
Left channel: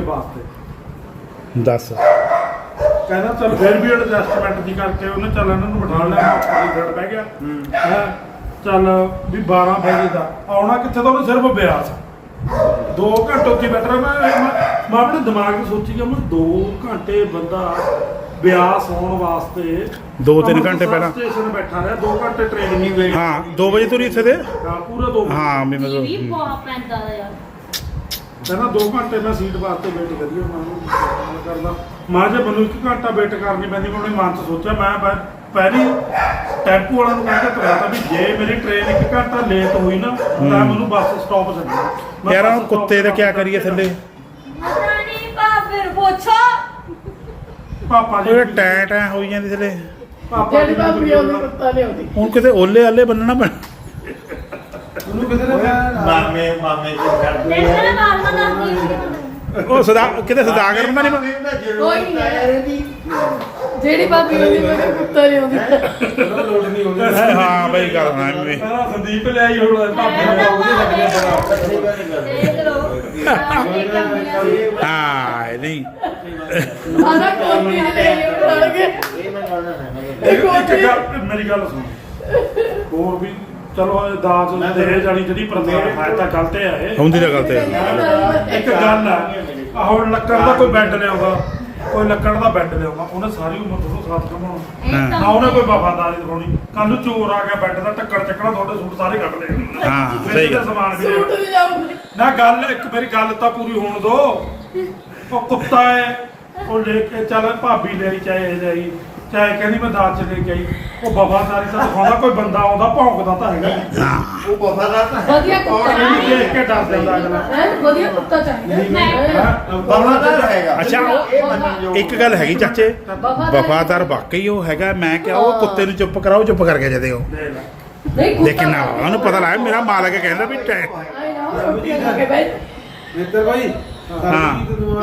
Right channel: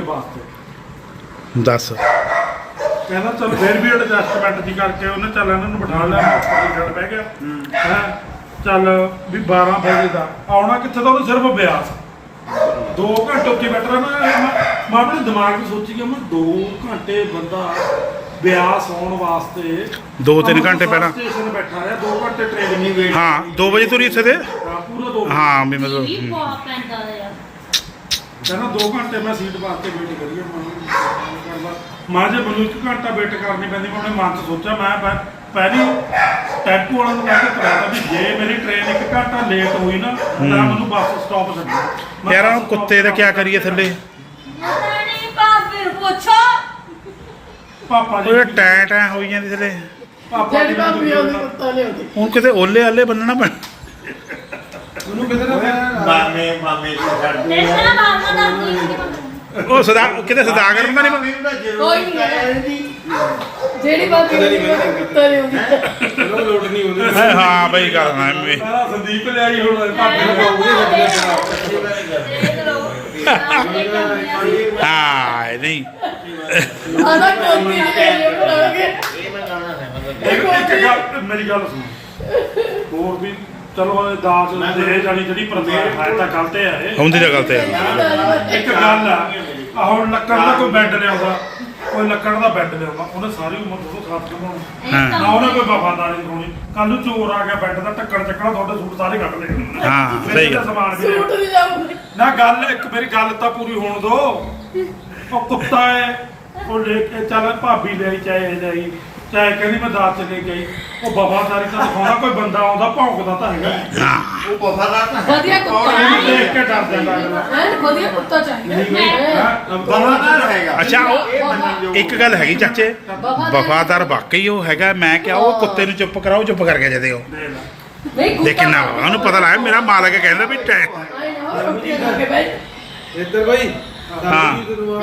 Speaker 4: ਵਾਸਤੇ
Speaker 1: ਦੱਸ
Speaker 4: ਕਹਿੰਦਾ ਚੱਲ ਫਿਰ ਵੀ ਐਡਜਸਟਮੈਂਟ ਜੀ ਕਰਕੇ ਉਹਨੇ ਚੱਲ ਇਹਨਾਂ ਨੂੰ ਬਿਠਾ ਲਿਆ ਮੈਂ ਉੱਪਰ ਹੀ ਬਹਿ ਗਿਆ ਹੈ ਚੱਲ ਵੀ ਬਾਰਾਂ ਵਜੇ ਦਾ ਆਉਣਾ ਕਿੱਥੇ ਤਾਂ ਉਹਨੇ ਸਿਰਫ ਬਿਆਸ ਦੋ ਘੰਟੇ ਉੱਥੇ ਬੈਠਾ ਮੈਂ ਮੈਂ ਮੈਂ ਆਪਣੇ ਦਿਮਾਗ ਵਿੱਚ ਸੋਚੀ ਕਿ ਮੈਂ ਦੋ ਘੰਟੇ ਬੰਦਾ ਬਿਆਸ ਆਉਣ ਵਾਸਤੇ
Speaker 1: ਦੋ ਤਿੰਨ ਘੰਟੇ ਪਹਿਲਾਂ
Speaker 4: ਸਟੇਸ਼ਨ ਬੈਠਾ ਰਿਹਾ ਦੋ ਘੰਟੇ ਟ੍ਰੇਨ ਨਹੀਂ ਗਈ
Speaker 1: ਹਾਂ ਦੋ ਵਜੇ ਤੁਰੀ ਇੱਥੇ ਤੇ
Speaker 4: ਹਾਂ ਪੂਰਾ ਦੋ
Speaker 1: ਹਾਂ ਵੀ ਮਤਲਬ
Speaker 2: ਇਹ
Speaker 1: ਹਮ।
Speaker 2: ਬਹੁਤ ਪੈਂਦਾ ਯਾਰ
Speaker 4: ਕਹਿੰਦਾ ਦੋ ਘੰਟੇ ਮੈਂ ਸੀਟ ਵਾਸਤੇ ਵੇਟ ਕਰੀਏ ਮੈਂ ਕਰਦਾ ਮੈਂ ਜੇ ਮੈਨੂੰ ਇੱਕ ਘੰਟਾ ਵੇਟ ਕਰਨੀ ਪੈਂਦੀ ਮੈਂ ਆਪਣੇ ਮਨ 'ਚ ਸੋਚਿਆ ਮੈਂ ਪਹਿ- ਪਹਿਲੀ ਟੈਂਪੂ ਵਾਲਾ ਨੂੰ ਕਹਿ ਕੇ ਤੁਰਿਆ ਤਾਂ ਵੀ ਜੇ ਮੇਰੀ ਟ੍ਰੇਨ ਇੱਕ ਘੰਟਾ ਲੇਟ ਹੋਈ ਨਾ ਤਾਂ ਮੈਨੂੰ ਬੱਸ ਸਟਾਪ ਛੱਡਣਾ ਮੈਂ
Speaker 1: ਯਾਰ
Speaker 4: ਬੱਸ
Speaker 1: ਉਹ
Speaker 4: stop
Speaker 1: ਕੁੱਤੇ ਦਾ
Speaker 4: ਤੇ
Speaker 1: ਕੀ ਕਰੀਏ ਥੱਲੇ
Speaker 2: ਨਹੀਂ ਭਾਬੀ ਪੁੱਛੋ
Speaker 4: ਪਾਪਾ ਜੀ
Speaker 1: ਉਹ ਟੈਂ ਟੈਂ ਹੋਈ ਜਾਂਦੀ ਥੱਲੇ
Speaker 4: ਪਾਪਾ ਜੀ ਨੂੰ
Speaker 1: ਹੁਣ ਕਿਤੇ ਓਲੇ ਆਲੇ ਬੰਨਣਾ ਪੈਣਾ
Speaker 4: ਉਹਨੂੰ ਕਿਤੇ ਨਾ
Speaker 3: ਮਾਮੇ ਮਾਮੇ ਜੀ ਕਰਦੇ
Speaker 2: ਇਸ ਤਰ੍ਹਾਂ ਮਾਰਨਾ ਦਾ
Speaker 1: ਉਹ ਸਦਾ ਕਿਤੇ ਸਦਾਗਰ ਬੰਦਾ ਨਹੀਂ
Speaker 3: ਮਾਮੇ ਦਾ ਜ਼ਰੂਰ ਹੈ ਨਹੀਂ
Speaker 2: ਜਿਹੜੀ ਭਾਬੀ ਉਹਦੀ ਮੈਨੂੰ ਕੁੱਤਾ ਨਹੀਂ ਆਉਂਦੀ
Speaker 4: ਚਲੋ ਲੋਡ ਨਹੀਂ ਹੁੰਦੀ
Speaker 1: ਹੈ ਹਾਂ ਬਈ ਗੱਲ ਨਾ ਐਵੇਂ
Speaker 4: ਸਾਰਾ ਸੰਦੀਪ ਲਿਆਈ ਹੁਣ ਭਾਪੇ ਨੂੰ ਪਾਉਗੀ ਲੱਗਿਆ
Speaker 1: ਹਾਂ ਇਹ ਨਹੀਂ
Speaker 2: ਆਦਾ ਕੋਈ ਨਹੀਂ ਬਣਾਉਣਗੇ
Speaker 3: ਇਹ ਮੈਂ ਗਾਣਾ ਸੁਣਾਂਗਾ
Speaker 4: ਇੱਕ ਇੱਕ ਗੱਲ ਮੇਰੀ ਗੱਲ ਸੁਣ ਹੋਰ ਵੀ ਚਲੋ ਇਹ ਦਾਜ ਦੇ ਜਾਣੀ ਜਿਹੜੀ ਪ੍ਰਥਾ ਹੈ ਤਾਂ ਗਲਤ ਹੈ ਇਹ
Speaker 1: ਹੁੰਦੀ ਤਾਂ ਗੱਲ ਤੇ ਯਾਰ
Speaker 4: ਇੱਕ ਗੱਲ ਆ ਆਹ ਹੁਣ ਲੱਕੜ ਦਾ ਕੋਈ ਬੈੱਡ ਲਿਆਉਂਦਾ ਕੋਈ ਲੱਕੜ ਦਾ ਬੈੱਡ ਲਿਆਉਂਦਾ ਉਹਨੇ ਸਾਰੀ ਉਮਰ ਤੁਹਾਨੂੰ ਸਾਥ ਕਮਾਉਣਾ
Speaker 1: ਹਾਂ
Speaker 4: ਨਾ ਉਹਨੇ ਕੋਈ ਵਫਾਦਾਰੀ ਦਿਖਾਉਣੀ ਕੱਲ ਨੂੰ ਚੋਰ ਆ ਗਿਆ ਬੈੱਡ ਦਾ ਟੱਕਰ ਚੱਕਣਾ ਤੁਹਾਡੇ ਸੂਟ ਸਾਰੇ ਕੱਢ ਦੇਣੇ
Speaker 1: ਹਾਂ, ਸਹੀ ਗੱਲ।
Speaker 4: ਸਮਾਨ ਵੀ
Speaker 2: ਸੂਟ ਨਹੀਂ ਜਾਊਗੀ
Speaker 4: ਨਾ ਗੱਲ ਇੱਕ ਮੇਰੀ ਗੱਲ ਤਾਂ ਪੂਰੀ ਹੋਣ ਦੋ ਉਹ ਕੁੱਤਾ ਹੈ ਉਹ ਲੈ ਕੇ ਚੱਲ ਭਾਬੀ ਲਈ ਚਾਹੇ ਲਈ ਚਾਹੇ ਕਹਿੰਦੀ ਮੈਂ ਦਾਤ ਚ ਲੈ ਕੇ ਆਈ ਉਹ ਵਫਾਦਾਰੀ ਤਾਂ ਦਿਖਾਉਂਦਾ ਕੋਈ ਬੰਦਾ ਆਉਂਦਾ ਭੌਂਕਦਾ ਤਾਂ ਹੈਗਾ
Speaker 3: ਉਹ ਵਫਾਦਾਰ ਤਾਂ ਹੈ
Speaker 2: ਵਧੀਆ ਕੁੱਤਾ
Speaker 4: ਇਹਨੂੰ ਦੇਖ ਕੇ ਡਰ ਜਾਂਦਾ ਅਗਲਾ
Speaker 2: ਹੈ ਵਧੀਆ ਕੁੱਤਾ ਚਾਹੀਦਾ
Speaker 4: ਹਾਂ
Speaker 3: ਵਫਾਦਾਰ ਹੈਗਾ
Speaker 1: ਅੱਛਾ ਉਹ
Speaker 3: ਇਹ ਮੰਨਣ ਯੋਗ
Speaker 1: ਇੱਕ ਗੱਲ ਹੈਗੀ ਚਾਚੇ ਵਫਾਦਾਰ ਵਾਕਈ ਉਹ ਹੈਗਾ ਮੈਂ ਕਿਹਾ ਉਹ ਕੁੱਤੇ ਨੂੰ ਚੁੱਪ ਕਰਾਓ ਚੁੱਪ ਕਰਕੇ ਜਦੇ ਉਹ
Speaker 4: ਦੇ ਲੈ
Speaker 2: ਨਹੀਂ ਕੁੱਤਾ
Speaker 1: ਲੇਕਿਨ ਨਾ ਉਹਨੂੰ ਪਤਾ ਲੱਗਾ ਮੇਰਾ ਮਾਲਕ ਕਹਿੰਦਾ ਵੀ ਟੈ-
Speaker 2: ਆਏ ਨਾ ਰੋਟੀ ਖਾ ਕੇ ਬੈਠ
Speaker 5: ਇੱਧਰ ਭਾਈ
Speaker 1: ਹਾਂ।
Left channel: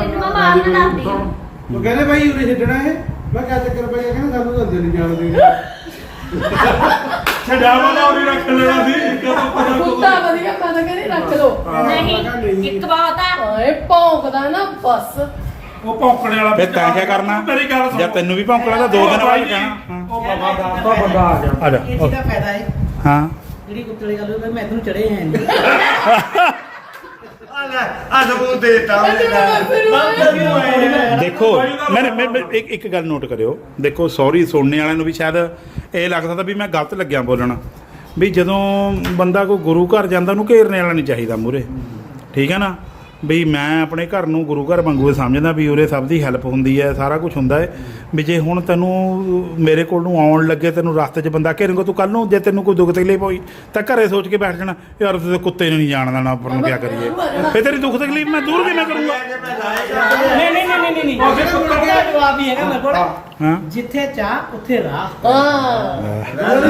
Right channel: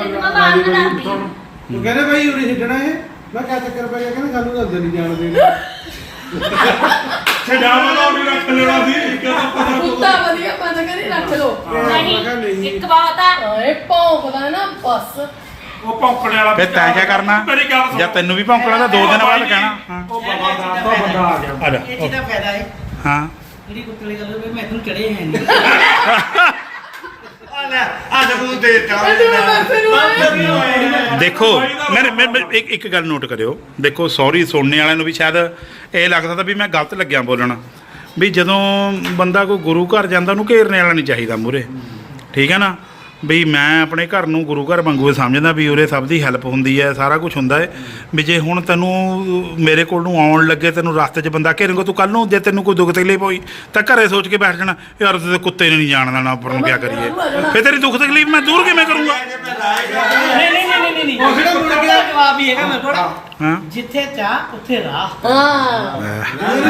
Speaker 5: ਉਹ ਕਹਿੰਦੇ ਭਾਈ ਉਰੇ ਛੱਡਣਾ ਹੈ ਮੈਂ ਕਿਹਾ ਚੱਕਰ ਪੈ ਗਿਆ ਕਹਿੰਦੇ ਸਾਨੂੰ ਜਲਦੀ ਨਹੀਂ ਜਾਣ ਦੇਣਾ
Speaker 4: ਛਡਾਵਾ ਨਾ ਉਹਨੇ ਰੱਖ ਲੈਣਾ ਸੀ ਕਦੋਂ ਪਤਾ
Speaker 2: ਕੁੱਤਾ ਵਧੀਆ ਮਨ ਕਰੀ ਰੱਖ ਲੋ
Speaker 5: ਨਹੀਂ
Speaker 6: ਇੱਕ ਬਾਤ ਹੈ
Speaker 2: ਆਏ ਭੌਂਕਦਾ ਨਾ ਬਸ
Speaker 4: ਉਹ ਭੌਂਕਣੇ ਵਾਲਾ
Speaker 1: ਫਿਰ ਤੈਂ ਕਿਆ ਕਰਨਾ
Speaker 4: ਮੇਰੀ ਗੱਲ ਸੁਣ।
Speaker 1: ਜਾਂ ਤੈਨੂੰ ਵੀ ਭੌਂਕਣਾ ਤਾਂ ਦੋ ਦਿਨ ਬਾਅਦ ਕਹਿਣਾ ਹਾਂ
Speaker 4: ਉਹ ਵਫਾਦਾਰ ਤਾਂ ਬੰਦਾ ਆ ਗਿਆ
Speaker 1: ਆ ਜਾ
Speaker 7: ਇਹ ਚੀਜ਼ ਦਾ ਫਾਇਦਾ ਹੈ
Speaker 1: ਹਾਂ
Speaker 7: ਜਿਹੜੀ ਕੁੱਤੇ ਵਾਲੀ ਗੱਲ ਹੋਵੇ ਮੈਂ ਤੈਨੂੰ ਚੜੇ ਹੈ ਨਹੀਂ
Speaker 3: ਆ ਲੈ ਆ ਸਬੂਤ ਦੇਤਾ
Speaker 1: ਦੇਖੋ ਮੈਂ ਮੈਂ ਮੈਂ ਇੱਕ ਇੱਕ ਗੱਲ ਨੋਟ ਕਰਿਓ ਦੇਖੋ ਸੌਰੀ ਸੁਣਨੇ ਵਾਲਿਆਂ ਨੂੰ ਵੀ ਸ਼ਾਇਦ ਇਹ ਲੱਗਦਾ ਤਾਂ ਵੀ ਮੈਂ ਗਲਤ ਲੱਗਿਆ ਬੋਲਣ ਵੀ ਜਦੋਂ ਬੰਦਾ ਕੋਈ ਗੁਰੂ ਘਰ ਜਾਂਦਾ ਉਹਨੂੰ ਘੇਰਨੇ ਵਾਲਾ ਨਹੀਂ ਚਾਹੀਦਾ ਮੂਹਰੇ ਠੀਕ ਹੈ ਨਾ ਵੀ ਮੈਂ ਆਪਣੇ ਘਰ ਨੂੰ ਗੁਰੂ ਘਰ ਵਾਂਗੂ ਸਮਝਦਾ ਵੀ ਉਰੇ ਸਭ ਦੀ ਹੈਲਪ ਹੁੰਦੀ ਹੈ ਸਾਰਾ ਕੁਝ ਹੁੰਦਾ ਹੈ ਵੀ ਜੇ ਹੁਣ ਤੈਨੂੰ ਮੇਰੇ ਕੋਲ ਨੂੰ ਆਉਣ ਲੱਗੇ ਤੈਨੂੰ ਰਸਤੇ 'ਚ ਬੰਦਾ ਘੇਰੇਗਾ ਤੂੰ ਕੱਲ ਨੂੰ ਜੇ ਤੈਨੂੰ ਕੋਈ ਦੁੱਖ ਤਕਲੀਫ ਹੋਈ ਤਾਂ ਘਰੇ ਸੋਚ ਕੇ ਬੈਠ ਜਾਣਾ ਯਾਰ ਤੇ ਕੁੱਤੇ ਨੇ ਨਹੀਂ ਜਾਣ ਦੇਣਾ ਉੱਪਰ ਨੂੰ ਕੀ ਕਰੀਏ ਫਿਰ ਤੇਰੀ ਦੁੱਖ ਤਕਲੀਫ ਮੈਂ ਦੂਰ ਕਿਵੇਂ ਕਰੂੰਗਾ
Speaker 7: ਨਹੀਂ ਨਹੀਂ ਨਹੀਂ ਨਹੀਂ ਨਹੀਂ ਜਿਹੜੇ ਮੁੰਡੇ ਦਾ ਜਵਾਬ ਹੀ ਹੈਗਾ ਮੇਰੇ ਕੋਲ
Speaker 1: ਹਾਂ
Speaker 7: ਜਿੱਥੇ ਚਾਹ ਉੱਥੇ ਰਾਹ
Speaker 2: ਹਾਂ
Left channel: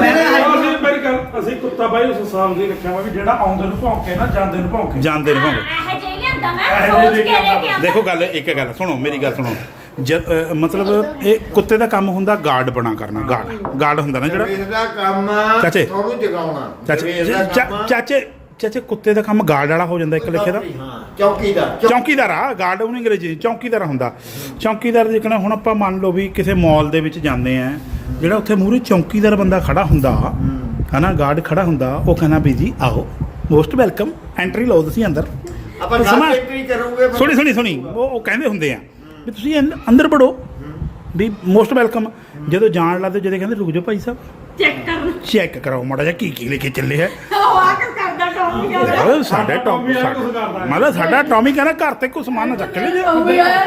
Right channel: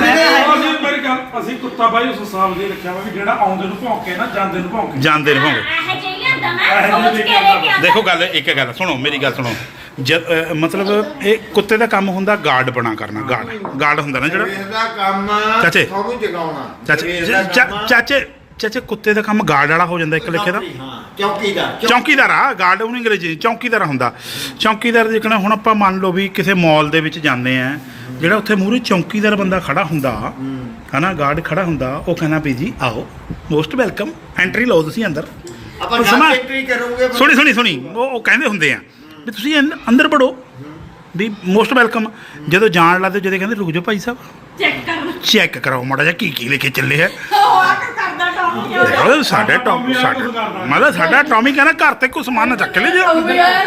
Speaker 4: ਅਸੀਂ ਮੇਰੀ ਗੱਲ ਅਸੀਂ ਕੁੱਤਾ ਬਾਈ ਉਸ ਹਿਸਾਬ ਦੇ ਰੱਖਿਆ ਵਾ ਵੀ ਜਿਹੜਾ ਆਉਂਦੇ ਨੂੰ ਭੌਂਕੇ ਨਾ ਜਾਂਦੇ ਨੂੰ ਭੌਂਕੇ
Speaker 1: ਜਾਂਦੇ ਨੇ ਭਾਵੇਂ
Speaker 6: ਇਹ ਚਾਹੀਦਾ ਹੁੰਦਾ ਮੈਂ ਸੋਚ ਕੇ ਲੈ ਕੇ ਆਉਂਦਾ
Speaker 1: ਦੇਖੋ ਗੱਲ ਇੱਕ ਗੱਲ ਸੁਣੋ ਮੇਰੀ ਗੱਲ ਸੁਣੋ ਜਦ ਅਹ, ਮਤਲਬ ਇਹ ਕੁੱਤੇ ਦਾ ਕੰਮ ਹੁੰਦਾ ਗਾਰਡ ਬਣਾ ਕਰਨਾ ਗਾਰਡ ਗਾਰਡ ਹੁੰਦਾ ਨਾ ਜਿਹੜਾ
Speaker 3: ਇਹਦਾ ਕੰਮ
Speaker 1: ਚਾਚੇ।
Speaker 3: ਤੁਹਾਨੂੰ ਜਗਾਉਣਾ
Speaker 1: ਚਾਚੇ
Speaker 3: ਇਹਦਾ
Speaker 1: ਚਾ-
Speaker 3: ਕੰਮ-
Speaker 1: ਚਾਚੇ ਚਾਚੇ ਕੁੱਤੇ ਦਾ ਕੰਮ ਗਾਰਡ ਵਾਲਾ ਹੋ ਜਾਂਦਾ ਇੱਕ ਲਿਖੇ ਦਾ
Speaker 3: ਹਾਂ ਚੌਕੀਦਾਰ
Speaker 1: ਚੌਕੀਦਾਰ ਆ ਗਾਰਡ ਉਹਨੂੰ ਅੰਗਰੇਜ਼ੀ ਚ ਚੌਕੀਦਾਰ ਹੁੰਦਾ ਚੌਕੀਦਾਰ ਜਿਕਣਾ ਹੁਣ ਆਪਾਂ ਮੰਨ ਲਓ ਵੀ ਕਿਸੇ ਮਾਲ ਦੇ ਵਿੱਚ ਜਾਂਦੇ ਆ ਜਿਹੜਾ ਉੱਥੇ ਮੂਹਰੇ ਚੌਕੀਦਾਰ ਬੰਦਾ ਖੜਾ ਹੁੰਦਾ ਹਨਾ ਗਾਰਡ ਖੜਾ ਹੁੰਦਾ ਉਹ ਕਹਿੰਦਾ ਵੀ ਜੀ ਆਓ ਮੋਸਟ ਵੈਲਕਮ ਐਂਟਰੀ ਲਓ ਤੁਸੀਂ ਅੰਦਰ
Speaker 3: ਆਪਾਂ
Speaker 1: ਸਮਾਂ-
Speaker 3: ਨਾਲ ਐਂਟਰੀ ਕਰੂਗੇ
Speaker 1: ਸੁਣੀ ਸੁਣੀ ਸੁਣੀ ਉਹ ਉਹ ਕਹਿੰਦੇ ਹੁੰਦੇ ਆ ਵੀ ਤੁਸੀਂ ਅੰਦ- ਅੰਦਰ ਵੜੋ ਵੀ ਮੋਸਟ ਵੈਲਕਮ ਜਦੋਂ ਜਾਣ ਲੱਗਦੇ ਜਦੋਂ ਕਹਿੰਦੇ ਰੁਕ ਜਾਓ ਭਾਈ ਸਾਹਿਬ
Speaker 6: ਚੈੱਕ ਕਰ
Speaker 1: ਚੈੱਕ ਕਰਾਓ ਮਾੜਾ ਜਿਹਾ ਕੀ ਕੀ ਲੈ ਕੇ ਚੱਲੇ ਹੈ
Speaker 6: ਉਹ ਆ ਕੇ ਕਰਦਾ ਕੰਮ ਜੋ
Speaker 1: ਦੇਖੋ ਸਾਡੇ ਟੌਮ ਸਾਡਾ ਮਤਲਬ ਸਾਡਾ ਟੌਮੀ ਕਹਿੰਦਾ ਘਰ ਤੇ ਕੋਈ ਸਮਾਨ ਨਾ ਚੱਕ ਲੈ ਜਾ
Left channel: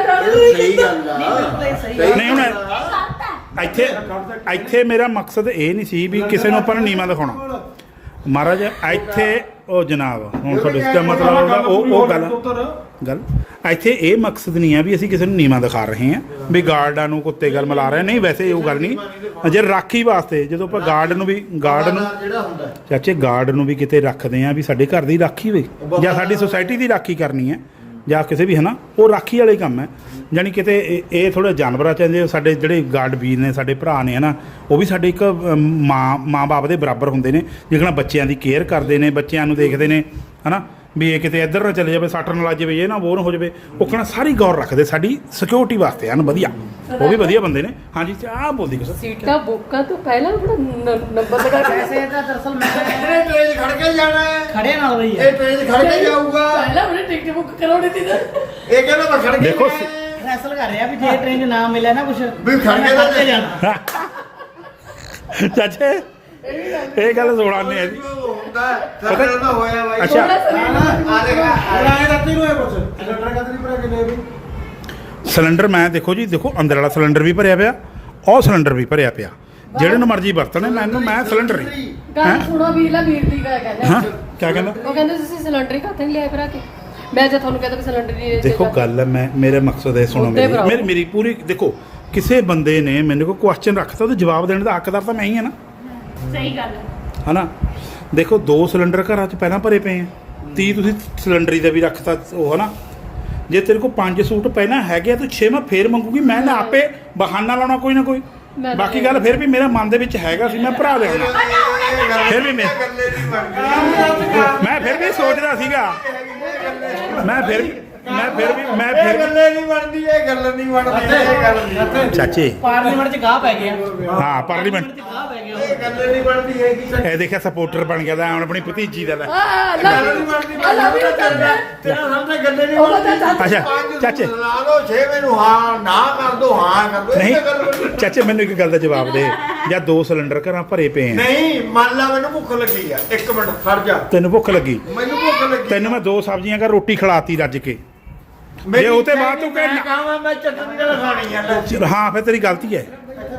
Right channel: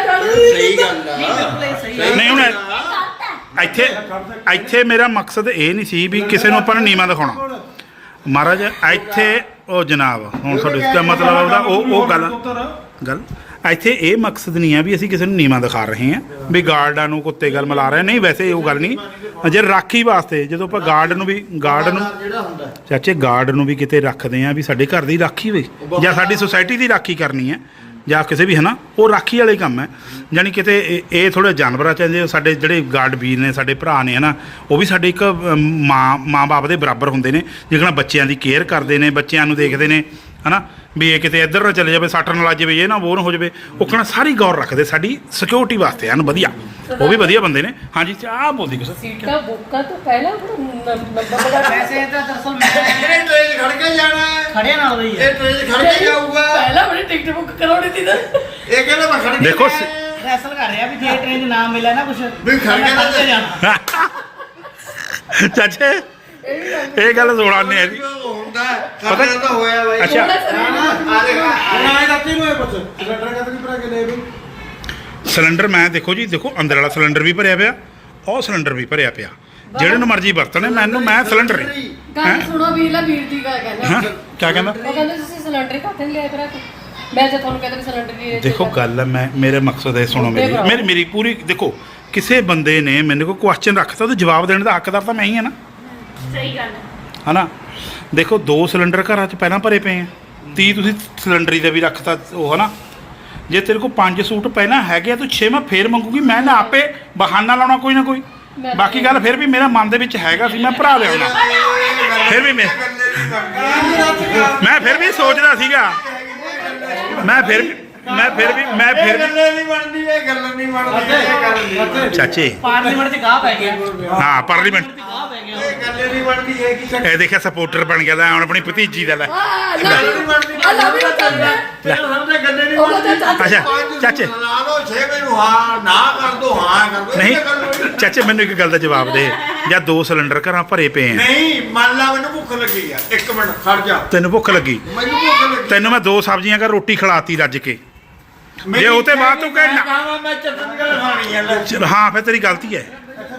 Speaker 3: ਸਹੀ ਗੱਲ ਆ
Speaker 1: ਨਹੀਂ ਹੁਣ
Speaker 6: ਗਲਤ ਹੈ
Speaker 1: ਇੱਥੇ ਇੱਥੇ ਮੇਰਾ ਮਕਸਦ ਇਹ ਨਹੀਂ ਸੀ ਵੀ ਕਿਸੇ ਨੂੰ ਆਪਾਂ ਨੇ ਨੀਵਾਂ ਦਿਖਾਉਣਾ ਮਹਾਰਾਜ ਇੱਥੇ ਉਹ ਜਨਾਬ ਹੁਣ ਤੁਹਾਡੇ ਇਸ ਮਤਲਬ ਉਹਦਾ ਉਹ ਉਹ ਗੱਲ ਗੱਲ ਇੱਥੇ ਇਹ ਮਕਸਦ ਨਹੀਂ ਹੈ ਵੀ ਅਸੀਂ ਕਿਸੇ ਨੂੰ ਨੀਵਾਂ ਦਿਖਾ ਰਹੇ ਹਾਂ ਵੀ ਗਾਰਡਾਂ ਨੂੰ ਕੁੱਤੇ ਗੱਲ ਮਿਲਾ ਰਹੇ ਨਹੀਂ ਵੈਸੇ ਉਹ ਗੱਲ ਨਹੀਂ ਜੇ ਰਾਖੀ ਵਾਸਤੇ ਜਦੋਂ ਆਪਾਂ ਗਾਰਡ ਨੂੰ ਵੀ ਗਾਰਡ ਨੂੰ
Speaker 3: ਜਿਹੜਾ ਹੁੰਦਾ
Speaker 1: ਚਾਚੇ ਗਾਰਡ ਨੂੰ ਵੀ ਕਿਤੇ ਰੱਖਦੇ ਆ ਵੀ ਸਾਡੇ ਘਰ ਦੀ ਰਾਖੀ ਹੋਵੇ ਜਾਂ ਸਾਡੀ ਸੁਸਾਇਟੀ ਦੀ ਰਾਖੀ ਕਰਨੀ ਹੈ ਜਾਂ ਕਿਸੇ ਵੀ ਹੈ ਨਾ ਉਹ ਰਾਖੀ ਵਾਲੇ ਕੰਮ ਹੈ ਯਾਨੀ ਕਿਤੇ ਇਹ- ਇਹ ਥੋੜ੍ਹੇ ਜਾਨਵਰਾਂ ਚਾਹੀਦੇ ਸਾਡੇ ਜਿਹੜੇ ਗਾਰਡ ਵੀਰ ਨੇ ਸਾਡੇ ਭਰਾ ਨੇ ਹੈ ਨਾ ਉਹ ਵੀ ਸਾਡੇ ਇੱਕ ਅਮ, ਮਾਂ ਮਾਂ ਬਾਪ ਦੇ ਬਰਾਬਰ ਹੁੰਦੇ ਨੇ ਜਿਹੜਾ ਬੱਚਿਆਂ ਦੀ ਕੇਅਰ ਕਰਦੇ ਨੇ ਬੱਚਿਆਂ ਨੂੰ ਦੇਖਦੇ ਨੇ ਹੈ ਨਾ ਵੀ ਇਹ ਕਿਤੇ ਇੱਧਰ ਨਾ ਚਲੇ ਜਾਵੇ ਸੱਟ ਨਾ ਲੱਜ ਜਾਵੇ ਇਹ ਨਾ ਬੋਰ ਹੋ ਜਾਵੇ ਉਹ ਕਹਿਣਾ ਸਾਰੀ ਗੌਰ ਰੱਖਦੇ ਸਾਡੀ ਸਿਕਿਉਰਿਟੀ ਵਾਸਤੇ ਹਨ ਵਧੀਆ ਉਹ ਵੀ ਵਧੀਆ ਬੰਦੇ ਨੇ ਹਾਂਜੀ ਆਹ ਬੋਲਦੀ ਕੁਛ
Speaker 2: ਸੀਟਾਂ ਬੁੱਕਾਂ ਤੋਂ ਪਹਿਲਾਂ ਨੰਬਰ ਲਗਾ ਕੇ
Speaker 7: ਵੈਸੇ ਤਾਂ ਦਰਅਸਲ ਮੈਂ
Speaker 3: ਇਹ ਟ੍ਰੇਨ ਖੜ ਕੇ ਜਾਣਾ ਹੈ
Speaker 7: ਖੜੇ ਨਾਲ ਰਹੀ ਹੈ
Speaker 3: ਇਹ ਟ੍ਰੇਨ ਖੜ ਕੇ ਜਾਊਗਾ
Speaker 2: ਪਹਿਲਾਂ ਬੜੀ ਟਿਕਟ ਬੁੱਕ ਕਰਾਉਣੀ ਸੀ ਨਾ
Speaker 3: ਇਹ ਕਹਿੰਦਾ ਮੈਂ ਖੜ ਕੇ
Speaker 1: ਦੇਖੋ
Speaker 3: ਜਾਣਾ ਹੈ।
Speaker 7: ਫੈਸਲ ਕਰ ਰਿਹਾ ਵੀ ਜੇ ਟ੍ਰੇਨ 'ਚ ਨਾ ਮਿਲਿਆ ਨਾ ਕੁਝ
Speaker 3: ਵੀ ਖੜ ਕੇ ਤਾਂ
Speaker 7: ਤੇ ਜਾਣਾ
Speaker 1: ਚਾਚੇ ਇਹ ਗੱਲ ਸੁਣਾਉਂਦੇ ਆ ਜੀ
Speaker 3: ਹੁੰਦਾ ਪਤਾ ਤਾਂ ਹੋਇਆ ਬਾਈ
Speaker 1: ਅੱਛਾ
Speaker 3: ਆ ਦੇਖ
Speaker 5: ਹੁਣ ਆਏ ਰਾਤੀ ਨੂੰ ਇਹ ਪੁੱਛ ਸਿਲੰਡਰ ਕਦ ਨਹੀਂ ਭਰਾ ਕੇ ਲੈ ਵੀ
Speaker 1: ਸਿਲੰਡਰ ਮੈਂ ਦੇਖੋ ਜੀ ਦੇਖੋ ਅੰਦਰ ਵਾਲਾ ਸਿਲੰਡਰ ਵੀ ਭਰਿਆ ਪਿਆ ਉਹ ਸਿਲੰਡਰ ਵੀ ਭਰਿਆ ਪਿਆ ਜਿਹੜੇ ਨੂੰ ਮਰਜ਼ੀ ਵਰਤਣੇ ਮੈਨੂੰ ਮੈਂ ਸਿਲੰਡਰ ਨਹੀਂ
Speaker 2: ਗੱਲ ਸੁਣੋ ਵੀਰ ਲਾ ਵੀਰ ਦੀ ਗੱਲ ਕਹਿੰਦੇ
Speaker 1: ਹਾਂ ਕੀ ਕਹਿੰਦਾ
Speaker 2: ਉਹ ਕਹਿੰਦੇ ਤੁਸੀਂ ਸਿਲੰਡਰ ਹੀ ਘੱਟ ਨਹੀਂ ਲਿਆ ਭਰਾ ਕੇ ਮੈਂ ਜੇ ਤੁਹਾਨੂੰ ਕਹਿੰਦਾ ਵੀ ਸਿਲੰਡਰ ਦੀ
Speaker 1: ਦੇਖੋ ਗੱਲ ਹੈ ਮੈਂ ਮੇਰੇ ਮਕਸਦ ਹੈ ਸੁਣੋ ਮੇਰੀ ਮੇਰੀ ਮੇਰੀ ਪੂਰੀ ਦੇਖੋ ਕਿਸੇ ਬੰਦੇ ਨੇ ਮੈਨੂੰ ਕੋਈ ਕੁਐਸਚਨ ਰੱਖਤਾ ਉਹਦਾ ਜਵਾਬ ਦੇਣ ਦਾ ਹੱਕਦਾਰ ਤਾਂ ਮੈਂ ਹੀ ਹਾਂ ਨਾ
Speaker 6: ਸਹੀ ਗੱਲ ਹੈ
Speaker 1: ਹਨਾ ਦੇਖੋ ਦੋ ਸਿਲੰਡਰ ਘਰਾਂ 'ਚ ਪਹਿਲਾਂ ਭਰੇ ਪਏ ਆ ਤੀਹ ਤੁਸੀਂ ਸਿਲੰਡਰੀ ਦਾ ਵੀ ਰੱਖਤਾ ਉਹ ਹਨਾ ਜੇ ਤੇਰੇ ਕੋਲ ਪੰਜ ਸੂਟ ਪਹਿਲਾਂ ਹੈਗੇ ਆ ਤੂੰ ਛੇਵਾਂ ਫੇਰ ਮੰਗੂਗੀ ਮੈਂ ਨਾ ਆਪੇ ਬਹਾਨਾ ਲਾਉਣਾ ਕੋਈ ਨਾ ਕੋਈ ਬਾਕੀ ਗੱਲ ਫਿਰ ਵੀ ਮੇਰਾ ਮਨ ਦੇ ਵਿੱਚ ਹੈਗਾ ਸੀ ਮੈਂ ਭਰਾ ਲਿਆਉਣਾ ਫਿਰ ਵੀ ਮੈਂ ਮੈਂ ਫਿਰ ਵੀ ਸੋਚਦਾ ਸੀਗਾ ਮੈਂ ਫਿਰ ਵੀ ਮੈਂ ਫਿਰ ਵੀ ਮੈਂ ਫਿਰ ਵੀ
Speaker 3: ਗੱਲੇ ਨਹੀਂ ਬਣਦੀ ਇਹ ਗੱਲ ਨਹੀਂ ਬਣਦੀ ਇਹ ਗੱਲ ਨਹੀਂ
Speaker 1: ਚਾਚੇ
Speaker 7: ਪਾਰਲੀਮੈਂਟ 'ਚ ਗਾਹ ਪੈ ਗਿਆ
Speaker 1: ਹਾਂ ਪਾਰਲੀਮੈਂਟ
Speaker 7: ਗਾਹ ਪੈ ਗਿਆ
Speaker 3: ਇਹ ਗੱਲ ਨਹੀਂ ਬਣਦੀ ਹੈਗੀ
Speaker 1: ਇਹ ਦੇਖਿਆ ਸਪੋਰਟਰ ਬਣ ਗਿਆ ਲੈ ਹੁਣ ਆਪਣੀ ਭਤੀਜੀ ਦਾ ਲੈ
Speaker 2: ਆ
Speaker 3: ਗੱਲ ਨਹੀਂ ਬਣਦੀ
Speaker 2: ਆ ਲਾ ਵੀ ਚੱਲਦਾ
Speaker 3: ਤੇ ਸਾਹਮਣੇ ਗੱਲੇ ਨਹੀਂ
Speaker 2: ਉਹ ਤਾਂ
Speaker 3: ਬਣਦੀ
Speaker 2: ਚਾਚਾ
Speaker 1: ਅੱਛਾ
Speaker 3: ਪੰਜ
Speaker 1: ਚਾਚੇ
Speaker 3: ਲਾ ਲਓ ਛੇ ਮੈਨੂੰ ਹਾਂ ਨਾ ਕਰ ਦੋ ਹਾਂ ਕਰ ਦੋ
Speaker 1: ਨਹੀਂ
Speaker 3: ਇਹ ਗੱਲ ਬਣਦੀ
Speaker 1: ਚਾਚੇ ਮੈਨੂੰ ਇੱਕ ਗੱਲ ਦਾ ਜਵਾਬ ਦੇ ਜਾਂ ਦੋ ਸਿਲੰਡਰ ਘਰਾਂ ਭਰੇ ਪਏ ਆ
Speaker 3: ਨਹੀਂ ਮੰਨ ਲਾ ਮੈਨੂੰ ਭੁੱਖ ਲੱਗੀ ਆ ਇੱਕ ਮਿੰਟ ਖੜ ਜਾ
Speaker 1: ਤੈਨੂੰ ਭੁੱਖ ਲੱਗੀ
Speaker 3: ਮੈਨੂੰ ਭੁੱਖ ਲੱਗੀ
Speaker 1: ਤੈਨੂੰ ਮੈਂ ਦੋ ਸਬਜ਼ੀਆਂ ਕਰ ਰੋਟੀ ਖਿਲਾਤੀ ਰੱਜ ਕੇ ਜੇ ਉਹ ਤੇ ਬਾਅਦ ਤੂੰ ਕਹਿ ਨਾ-
Speaker 3: ਕਹਾਂ ਮੈਂ ਚਟਨੀ ਨਾਲ ਖਾਣੀ ਆ ਲੈ।
Speaker 1: ਚਲ ਹਾਂ ਫਿਰ ਤੇਰੀ ਗਲਤੀ ਹੈ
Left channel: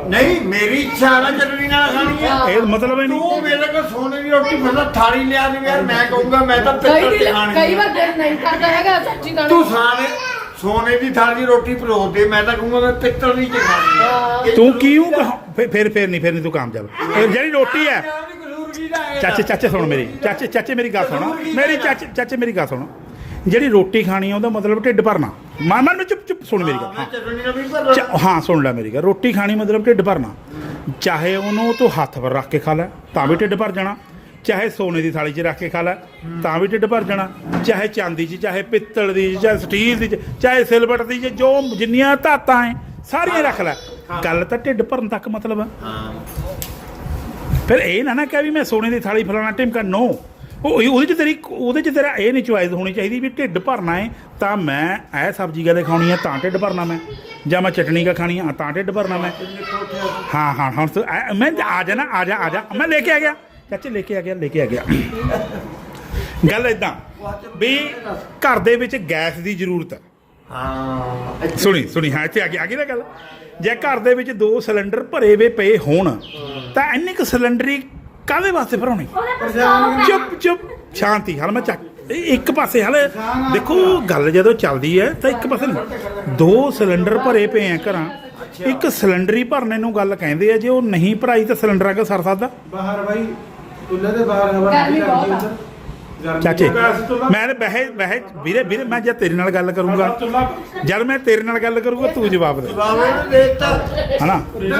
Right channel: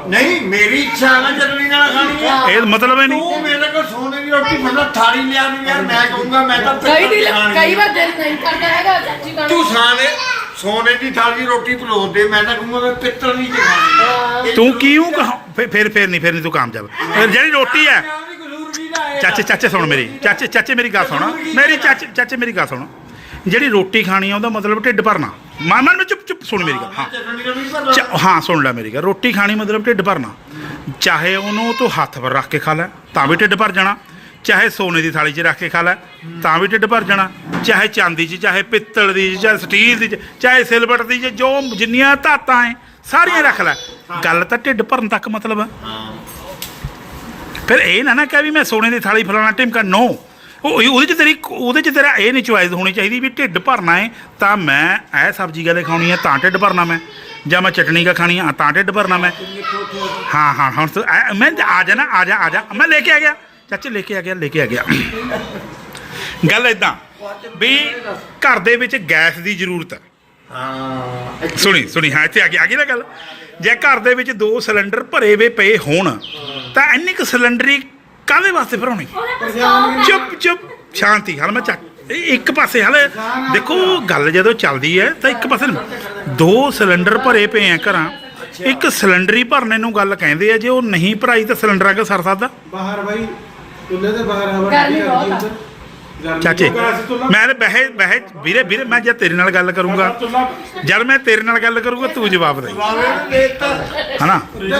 Speaker 3: ਨਹੀਂ ਮੇਰੀ ਇੱਛਾ ਹੈ ਨਾ ਚਟਨੀ ਨਾਲ ਖਾਣੀ ਹੈ।
Speaker 1: ਇਹ ਮਤਲਬ ਹੈ ਨਹੀਂ
Speaker 3: ਤੂੰ ਮੇਰੇ ਕੋਲ ਸੋਨੇ ਦੀ ਰੋਟੀ ਮਤਲਬ ਥਾਲੀ ਲਿਆ ਨਹੀਂ ਯਾਰ ਮੈਂ ਕਹੂੰਗਾ ਮੈਂ ਤਾਂ
Speaker 2: ਕਈ
Speaker 3: ਪਿੱਤਲ
Speaker 2: ਦਿਨ
Speaker 3: ਦੀ ਖਾਣੀ
Speaker 2: ਕਈ
Speaker 3: ਹੈ।
Speaker 2: ਵਾਰ ਦਿਲ ਨਹੀਂ ਕਰਦਾ ਹੈਗਾ ਚਾਚੀ ਖਾਣ
Speaker 3: ਤੂੰ
Speaker 2: ਨੂੰ।
Speaker 3: ਸਾਨੇ ਸੋਨੇ ਦੀ ਥਾਲੀ ਦੀ ਰੋਟੀ ਪਲੋਸ ਦੇ ਮੈਂ ਤਾਂ ਕਹੂੰਗਾ ਮੈਂ ਪਿੱਤਲ ਦੀ ਚ ਖਾਣੀ ਹੈ।
Speaker 1: ਤੂੰ ਕਿਉਂ ਕਹਾਂ- ਫਿਰ ਫਿਰ ਫਿਰ ਨਹੀਂ ਫਿਰ ਨਹੀਂ ਤੂੰ ਕਾਮਯਾਬ ਫਿਰ ਜਿਹੜੀ ਰੋਟੀ ਹੈ
Speaker 3: ਮੈਂ ਉਹਦੀ ਕਸੂਰ ਵੀ ਨਾ ਆਏਗਾ।
Speaker 1: ਚਾਚੇ ਚਾਚੇ ਸੁਣ ਮੇਰੀ ਚਾਚੇ ਚਾਚੇ ਮੇਰੀ ਗੱਲ ਸੁਣ ਮੇਰੀ ਚਾਚੇ ਚਾਚੇ ਮੇਰੀ ਗੱਲ ਸੁਣ ਜਿਹੜੀ ਰੋਟੀ ਖਾਣੀ ਆ ਉਹਦਾ ਮਤਲਬ ਢਿੱਡ ਭਰਨਾ ਮਨ ਮਨ ਚੁੱਪ ਚੁੱਪ ਸੁਣ ਮੇਰੀ ਗੱਲ ਹਾਂ
Speaker 3: ਚਟਨੀ ਨਾਲ ਵੀ ਭਰ
Speaker 1: ਚ- ਹਾਂ ਸੁਣ ਲੈ ਮੇਰੀ ਗੱਲ ਰੋਟੀ ਖਾਣੀ ਮਤਲਬ ਢਿੱਡ ਭਰਨਾ ਚਾਹੇ ਉਹਨੂੰ ਤੂੰ ਹੱਥ ਪਰ ਰੱਖ ਕੇ ਖਾ ਲੈ ਤਾਂ ਵੀ ਢਿੱਡ ਭਰ ਜਾਣਾ ਚਾਹੇ ਸੋਨੇ ਦੀ ਥਾਲੀ 'ਚ ਰੱਖ ਕੇ ਖਾ ਲੈ ਤਾਂ ਵੀ ਢਿੱਡ ਭਰ ਜਾਣਾ ਚਾਹੇ ਚਾਂਦੀ 'ਚ ਚਾਹੇ ਪਿੱਤਲ ਦੀ 'ਚ, ਚਾਹੇ ਸਟੀਲ ਦੀ 'ਚ, ਚਾਹੇ ਸਿਲਵਰ ਦੀ 'ਚ, ਜੋ ਜਿੰਨੀਆਂ ਧਾਤਾਂ ਐ ਸਾਰੀਆਂ ਰੱਖ ਲੈ ਗੱਲ ਤਾਂ ਢਿੱਡ ਭਰਨ ਤੱਕ ਮਤਲਬ ਆ ਫਿਰ ਇਹ ਨਾ ਨਾ ਕਹਿ ਵੀ ਮੈਂ ਸੋਨੇ ਦੀ ਥਾਲੀ ਫਲਾਣਾ ਟਿਮਕਾ ਨੋ ਉਹ ਉਹਦੇ 'ਚ ਤੇਰੀ ਉਹਦੇ 'ਚ ਤੇਰਾ ਇਹ ਨਹੀਂ ਚੁਆਇਸ ਹੋਣੀ ਚਾਹੀਦੀ ਵੀ ਢਿੱਡ ਭਰਨਾ ਹੈ ਤਾਂ ਮੈਂ ਇਹ ਸਬਜ਼ੀ ਕਦੇ ਖਾਣੀ ਹੈ ਤਾਂ ਢਿੱਡ ਭਰਨਾ ਮੈਂ ਜਾਂ ਮੈਂ ਚਟਨੀ ਕਾ ਖਾਣੀ ਹੈ ਤਾਂ ਢਿੱਡ ਭਰਨਾ ਮੈਂ ਹਾਂ ਹਾਂ ਹੁਣ ਤੂੰ ਐ- ਮੈਂ ਆ ਜਾ ਨਾ ਆ ਜਾ ਆ ਜਾ ਮੈਂ ਲੈ ਕੇ ਆ ਗਿਆ ਚਾਚੇ ਲੈ ਕੇ ਆ ਗਿਆ ਲੈ ਕੇ ਆ ਗਿਆ ਗੱਲ ਇਦਾਂ ਵੀ ਘਰ ਦੇ ਵਿੱਚ ਗੈਸ ਦੀ ਜ਼ਰੂਰਤ ਹੈ
Speaker 3: ਹਾਂ
Speaker 1: ਸੁਣੀ ਸੁਣੀ ਹਾਂ ਇੱਥੇ ਆ ਗਈ ਆ ਗਈ ਨਾ ਗੱਲ ਜੇ ਘਰ ਦੇ ਵਿੱਚ ਦੋ ਸਿਲੰਡਰ ਭਰੇ ਵੇ ਪਏ ਹੋਣ ਤਾਂ ਇੰਨੀ ਕੁ ਸਿਲੰਡਰੀ ਕਾਹਦੇ ਵਾਸਤੇ ਭਰਾਉਣੀ ਚੁੱਪ ਚੁੱਪ ਸ਼ਾਂਤੀ ਹਾਲ ਮੈਂ ਚੱਕ ਇਹ ਇੱਕ ਪਾਸੇ ਹਾਲੇ ਦੇਖੋ ਗੱਲ ਜਦੋਂ ਚੱਲਦੀ ਹੈ ਤਾਂ ਇੱਕ ਪਾਸੇ ਦੋ ਸਿਲੰਡਰ ਭਰੇ ਪਏ ਆ ਘਰਾਂ ਇੱਕ ਸਿਲੰਡਰ ਹੀ ਭਰਨੇ ਨੂੰ ਗੱਲ ਕਹਿੰਦੇ ਆ ਜੇ ਉਹ ਨਹੀਂ ਭਰਾਈ ਤਾਂ ਸਿਲੰਡਰਾਂ ਕੇ ਸਰ ਸਕਦਾ
Speaker 5: ਬਾਹਰ ਬਾਈ ਚੁੱਲ੍ਹੇ ਦੇ ਬਾਹਰ ਹਵਾ
Speaker 2: ਗਰਮੀ
Speaker 5: ਠੰਡੀ ਕਰਦੀ
Speaker 2: ਬਹੁਤ ਆ।
Speaker 5: ਉੱਧਰ ਗਰਮੀ
Speaker 1: ਚਾਚੇ
Speaker 5: ਬਹੁਤ।
Speaker 1: ਮੈਂ ਬਹਿ ਬਹਿ ਵੀਰੇ ਵੀਰੇ ਮੈਂ ਜਦ ਤੇਰੇ ਨਾਲ ਗੱਲ ਕਰੂੰਗਾ ਜਦ ਮੈਂ ਤੇਰੇ ਨਾਲ ਗੱਲ ਕਰੂੰਗਾ ਤੂੰ ਜਵਾਬ ਦੇ ਹਨਾ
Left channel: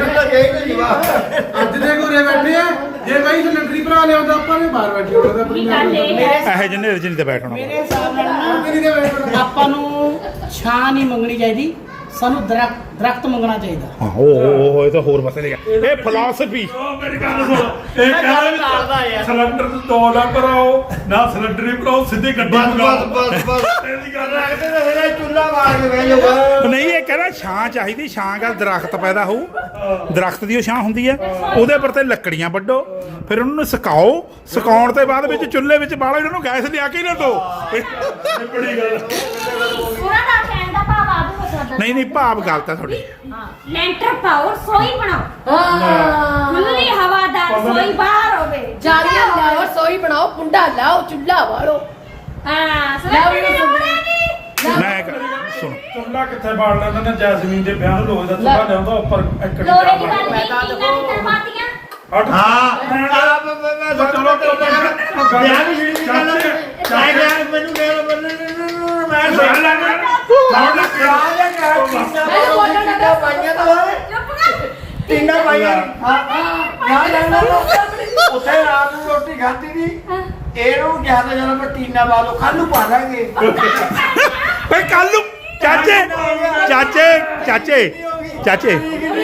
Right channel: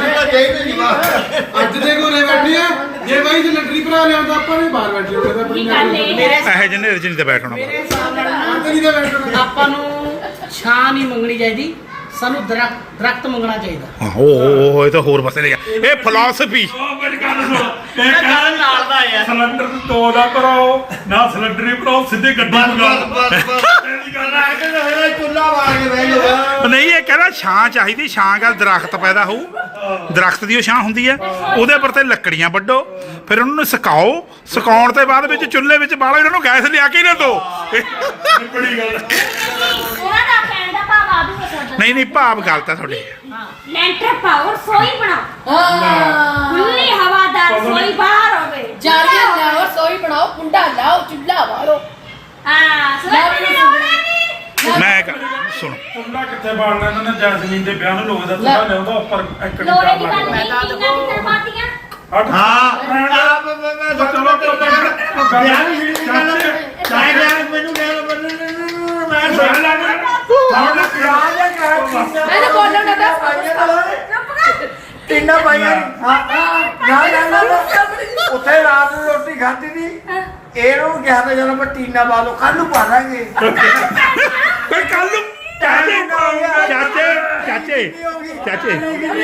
Speaker 5: ਅੱਜ ਦੇ ਘਰੇ ਬੈਠੇ ਆ ਜੇ ਬਾਈ ਸਿਲੰਡਰੀ ਭਰਾ ਲਿਆਉਂਦਾ ਆਪਾਂ ਨੇ ਬਾਹਰ ਬੈਠੇ ਹੁੰਦੇ ਤਾਂ
Speaker 6: ਕੀ ਗੱਲ ਏ
Speaker 1: ਇਹ ਜਿਹਨੇ ਰਜਨੀ ਤੇ ਬੈਠਣਾ
Speaker 2: ਮੇਰੇ ਹਿਸਾਬ ਨਾਲ ਨਾ
Speaker 5: ਨਹੀਂ ਤਾਂ ਬੈਠਣਾ
Speaker 7: ਆਪਾਂ ਨੂੰ ਛਾਂ ਨਹੀਂ ਮੰਗਣੀ ਚਾਹੀਦੀ ਸਾਨੂੰ ਦਰਖਤ ਦਰਖਤ ਮੰਗਣਾ ਚਾਹੀਦਾ
Speaker 1: ਹਾਂ ਉਹ ਉਹ ਇਹ ਤਾਂ ਹੋਰ ਪਾਸੇ ਲੈ ਗਿਆ ਇਹ ਫਿਲਾਸਫੀ
Speaker 4: ਮੇਰੀ ਗੱਲ ਸੁਣ ਇਹ ਕਾਰਨ ਸਿਲੰਡਰ ਨੂੰ ਦੋ ਨਾ ਭਰਾਓ ਨਾ ਸਿਲੰਡਰ ਹੀ ਭਰਾਓ ਸਿੱਧੇ ਗੱਡੀ ਮੰਗਾਓ ਤੇਰੀ ਗੱਲ ਹੈ ਕਿ
Speaker 3: ਮੇਰਾ ਚੁੱਲਾ ਬਾਲ ਕੇ ਬਹਿ ਜਾਊਗਾ
Speaker 1: ਨਹੀਂ ਇਹ ਕਹਿੰਦਾ ਛਾਂ ਚਾਹੀਦੀ ਛਾਂ ਗੱਲ ਦਰਖਤ ਪੈਦਾ ਹੋਊ ਦਰਖਤ ਦੀ ਉਹ ਛਾਂ ਹੁੰਦੀ ਹੈ ਉਹਦੇ ਪਰ ਤੇ ਲੱਕੜੀਆਂ ਵੱਢੋ ਫਿਰ ਉਹਨਾਂ ਨੂੰ ਸੁਕਾਓ ਸੁਕਾਉਣ ਤੋਂ ਬਾਅਦ ਵਿੱਚ ਚੁੱਲ੍ਹੇ ਵਿੱਚ ਬਾਲੋ ਇਹਨਾਂ ਨੂੰ ਗੈਸ ਲਿਆ ਕੇ ਹੀ ਨਾ ਦੋ
Speaker 4: ਬੜੀ ਗੱਲ
Speaker 6: ਉਹਨਾਂ ਦਾ ਕਹਿਣ ਦਾ ਭਾਵ ਆ ਵੀ ਹੋ ਸਕਦਾ
Speaker 1: ਨਹੀਂ ਨਹੀਂ ਭਾਵ ਗਲਤ ਹੈ ਤੁਹਾਡੇ
Speaker 6: ਲੈਂਟਰ ਪਾਓ ਰਸੋਈ ਬਣਾਓ
Speaker 2: ਹਾਂ
Speaker 6: ਖੁੱਲੀ ਹਵਾਦਾਰ ਰਸੋਈ ਬਾਹਰ ਹੋਵੇ
Speaker 2: ਜਾਲੀਆਂ ਲਾਓ ਸੋਈ ਬਣਾਓ ਕੁੰਡਾ ਲਾਓ ਚੁੱਲ੍ਹਾ ਵਾਲੋ
Speaker 6: ਹਾਂ ਸੋਈ ਬਣਾਓ
Speaker 1: ਮੈਂ ਕ- ਸੁਣੋ
Speaker 4: ਚੁੱਲਾ ਕਿੱਥੇ ਬਾਲਣਾ ਇਹਨਾਂ ਨੇ ਜੈਸਮੀਨ ਦੇ ਵਿਆਹ ਨੂੰ ਲੋਹੇ ਦਾ ਚੁੱਲਾ ਲਿਆਉਂਦਾ ਉੱਪਰ ਇੱਕ
Speaker 6: ਲੋਹੇ ਦੀ
Speaker 4: ਚਾਰ
Speaker 6: ਬਣ
Speaker 4: ਲੱਗ
Speaker 6: ਗਈ ਕਿੰਨਾ ਕਿੰਨਾ ਪਾਤੀਆਂ
Speaker 3: ਹਾਂ
Speaker 4: ਚਲੋ
Speaker 3: ਵਿਆਹ ਵੀ ਜਿਹੜੀ ਗੱਲ ਹੈ ਚਾਹੇ ਵਿਆਹ ਮੈਨੂੰ ਕਹਿ ਮੈਂ
Speaker 2: ਮੈਨੂੰ ਬੋਲਣ ਦਾ
Speaker 3: ਤਿੰਨਾਂ ਪਾਈਆਂ ਹਾਂ ਨਾ ਨਾ ਨਾ ਉੱਥੇ ਰਾਤ ਨੂੰ ਰੋਟੀ ਖਾਧੀ ਦੀ ਇਹਨੂੰ ਕਿਹਾ ਤਾਂ ਜਦੋਂ ਮੈਂ ਟੀਨਾ ਪਾ ਲਓ ਕੱਲ ਨੂੰ ਪਾ ਲਾਂਗੇ
Speaker 1: ਪਰ ਕੱਲ ਨੂੰ ਚਾਚੇ ਚਾਚੇ ਚਾਚੇ ਚਾਚੇ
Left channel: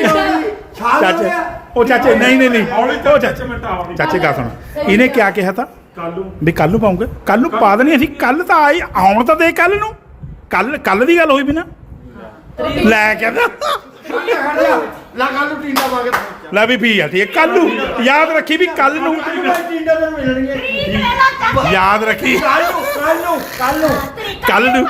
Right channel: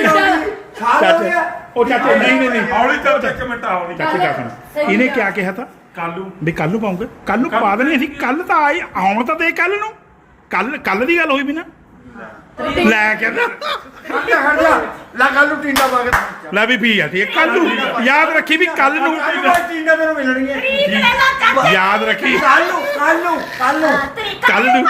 Speaker 1: ਚਾਚੇ ਉਹ ਚਾਚੇ ਨਹੀਂ ਨਹੀਂ ਨਹੀਂ
Speaker 4: ਹੌਲੀ ਤਾਂ ਇੱਕ ਮਿੰਟ ਆਉਣੀ
Speaker 1: ਚਾਚੇ ਗੱਲ ਸੁਣ ਇਹਨੇ ਕਿਆ ਕਿਹਾ ਤਾਂ
Speaker 4: ਕਾਲੂ
Speaker 1: ਵੀ ਕੱਲ ਨੂੰ ਪਾਉਂਗੇ ਕੱਲ ਨੂੰ ਪਾ ਦੇਣੀ ਅਸੀਂ ਕੱਲ ਤਾਂ ਆਈ ਆਉਣ ਤਾਂ ਦੇ ਕੱਲ ਨੂੰ ਕੱਲ ਕੱਲ ਦੀ ਗੱਲ ਹੋਈ ਵੀ ਨਾ ਲੈ ਕਹਿੰਦਾ
Speaker 3: ਲਾ ਕੱਲ ਨੂੰ ਟੀਨਾ ਪਾ ਕੇ
Speaker 1: ਲੈ ਵੀ ਵੀ ਆ ਤੇ ਕੱਲ ਨੂੰ ਯਾਦ ਰੱਖੀ ਵੀ ਕੱਲ ਨੂੰ
Speaker 3: ਟੀਨਾ ਤੈਨੂੰ ਮਿਲਣਗੀਆਂ
Speaker 1: ਯਾਦ ਰੱਖੀ
Speaker 3: ਕੱਲ ਨੂੰ ਕੱਲ ਨੂੰ ਕੱਲ ਨੂੰ
Speaker 1: ਕੱਲ ਨੂੰ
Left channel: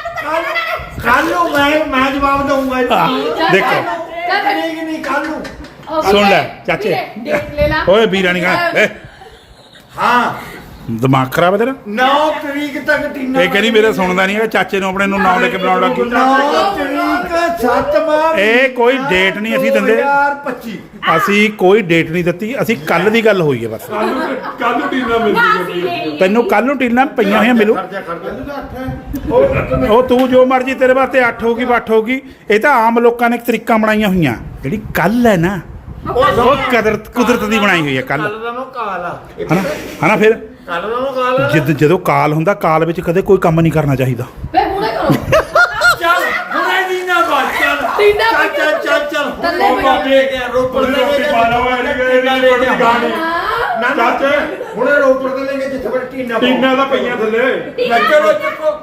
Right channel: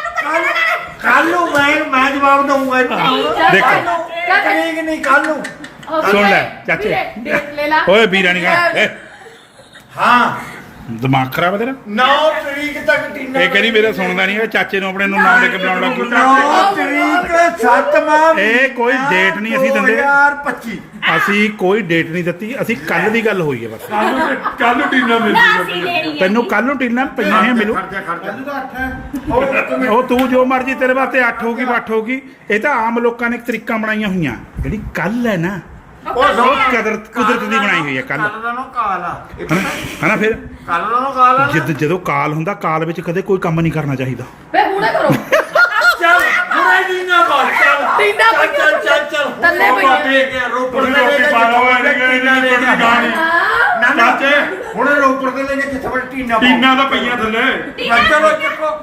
Speaker 3: ਕੱਲ ਨੂੰ ਮੈਂ ਮੈਂ ਜਵਾਬ ਦਊਂਗਾ
Speaker 1: ਦੇਖੋ
Speaker 3: ਤਰੀਕ ਨਹੀਂ ਕੱਲ ਨੂੰ
Speaker 1: ਸੁਣ ਲੈ ਚਾਚੇ ਓਏ ਵੀਰਾ ਨਹੀਂ ਕਹਣਾ
Speaker 3: ਹਾਂ
Speaker 1: ਦਿਮਾਗ ਖਰਾਬ ਹੈ ਤੇਰਾ
Speaker 3: ਨੌ ਤਰੀਕ ਤੱਕ ਟੀਨਾ
Speaker 1: ਇਹ ਕਹਿੰਦੀ ਮੇਰਾ ਸੁਣਦਾ ਨਹੀਂ ਹੈ ਚਾਚੇ ਨੂੰ ਆਪਣੇ ਨੂੰ ਨਾਮ ਲੈ ਕੇ ਬੁਲਾਉਣ ਲੱਗ ਗਈ
Speaker 3: ਨੌ ਤਰੀਕ ਸੱਤ ਮਾਹ
Speaker 1: ਇਹ ਕੋਈ ਡੇਟ ਨਹੀਂ ਅਸੀਂ ਦਿੰਦੇ।
Speaker 3: ਦੋ ਹਜ਼ਾਰ ਪੱਚੀ
Speaker 1: ਅਸੀਂ ਕੋਈ ਡੇਟ ਨਹੀਂ ਦਿੱਤੀ ਅਸੀਂ ਕੱਲ ਦੀ ਗੱਲ ਹੋਈ ਹੈ ਬਸ
Speaker 4: ਕੱਲ ਨੂੰ ਟੀਨਾ ਮਿਲ
Speaker 6: ਨਾ
Speaker 4: ਜੂਗਾ
Speaker 6: ਅਸੀਂ ਦੇਣੀ
Speaker 1: ਤੈਨੂੰ ਕੱਲ ਨੂੰ ਟੀਲਾਂ ਪਈਆਂ ਹੋਈਆਂ ਮਿਲੂ
Speaker 3: ਖਰਚਾ ਖਰਚਾ
Speaker 5: ਮੈਨੂੰ ਤਾਂ ਅੱਠ ਹੈ
Speaker 1: ਉਹ ਤੂੰ ਜੋ ਮਰਜੀ ਤੇਰੇ ਵਾਸਤੇ ਅੱਠ ਹੋਗੀ ਅੱਠ ਹੋਗੀ ਇਹ ਤਾਂ ਆਮ ਲੋਕਾਂ ਨੇ ਤਰੀਕਾਂ ਬਣਾਈਆਂ ਹੋਈਆਂ ਜਿਹੜੀ ਕੱਲ ਹੈ ਨਾ ਉਹ ਕਦਰਤ ਕੁਦਰਤ ਦੀ ਬਣਾਈ ਹੋਈ ਹੈ ਕੱਲ
Speaker 3: ਕੱਲ ਦਾ ਨੂੰ ਕਾਲ ਆ
Speaker 1: ਹਨਾ ਹਨਾ ਫਿਰ
Speaker 3: ਕੱਲ ਦਾ ਨੂੰ ਕਾਲ ਆ ਨਾ।
Speaker 1: ਜਦ ਜਦੋਂ ਕਾਲ ਹੁੰਦਾ ਕਾਲ ਵਿੱਚ ਕਦੇ ਕੋਈ ਕੰਮ ਨਹੀਂ ਕਰਨਾ ਚਾਹੀਦਾ
Speaker 2: ਵੇ ਹੁਣੇ ਕਰੋ
Speaker 3: ਚੱਲ ਹੁਣੇ ਟੀਨਾ ਪਾ ਚੱਲ
Speaker 2: ਟੀਨਾ ਪਾ
Speaker 3: ਚੱਲ ਚੱਲ ਚੱਲ
Speaker 2: ਥੱਲੇ
Speaker 3: ਉਹ
Speaker 2: ਪਈ।
Speaker 3: ਬਾਬੇ ਕੇ ਰੋਪੜ
Speaker 4: ਉਹਨੇ
Speaker 3: ਤੇ ਲੈ
Speaker 4: ਰੋਟੀ
Speaker 3: ਕੇ
Speaker 4: ਪਾ ਲਓ ਇਹਨੇ ਕਿ
Speaker 3: ਟੀਨਾ ਲੈ ਕੇ
Speaker 4: ਗਾਣੇ
Speaker 3: ਨਾ ਨਾ
Speaker 4: ਚਾਚੇ।
Speaker 3: ਹੁਣੇ ਰੋਪੜ ਤੇ ਲੈ ਕੇ ਜਿੱਥੇ ਬੜ ਟੀਨਾ ਪਾਓ।
Speaker 4: ਟੀਨਾ ਦਾ ਪਈਆਂ ਥੱਲੇ
Speaker 3: ਮੈਂ ਚਲੋ ਚੱਕੋ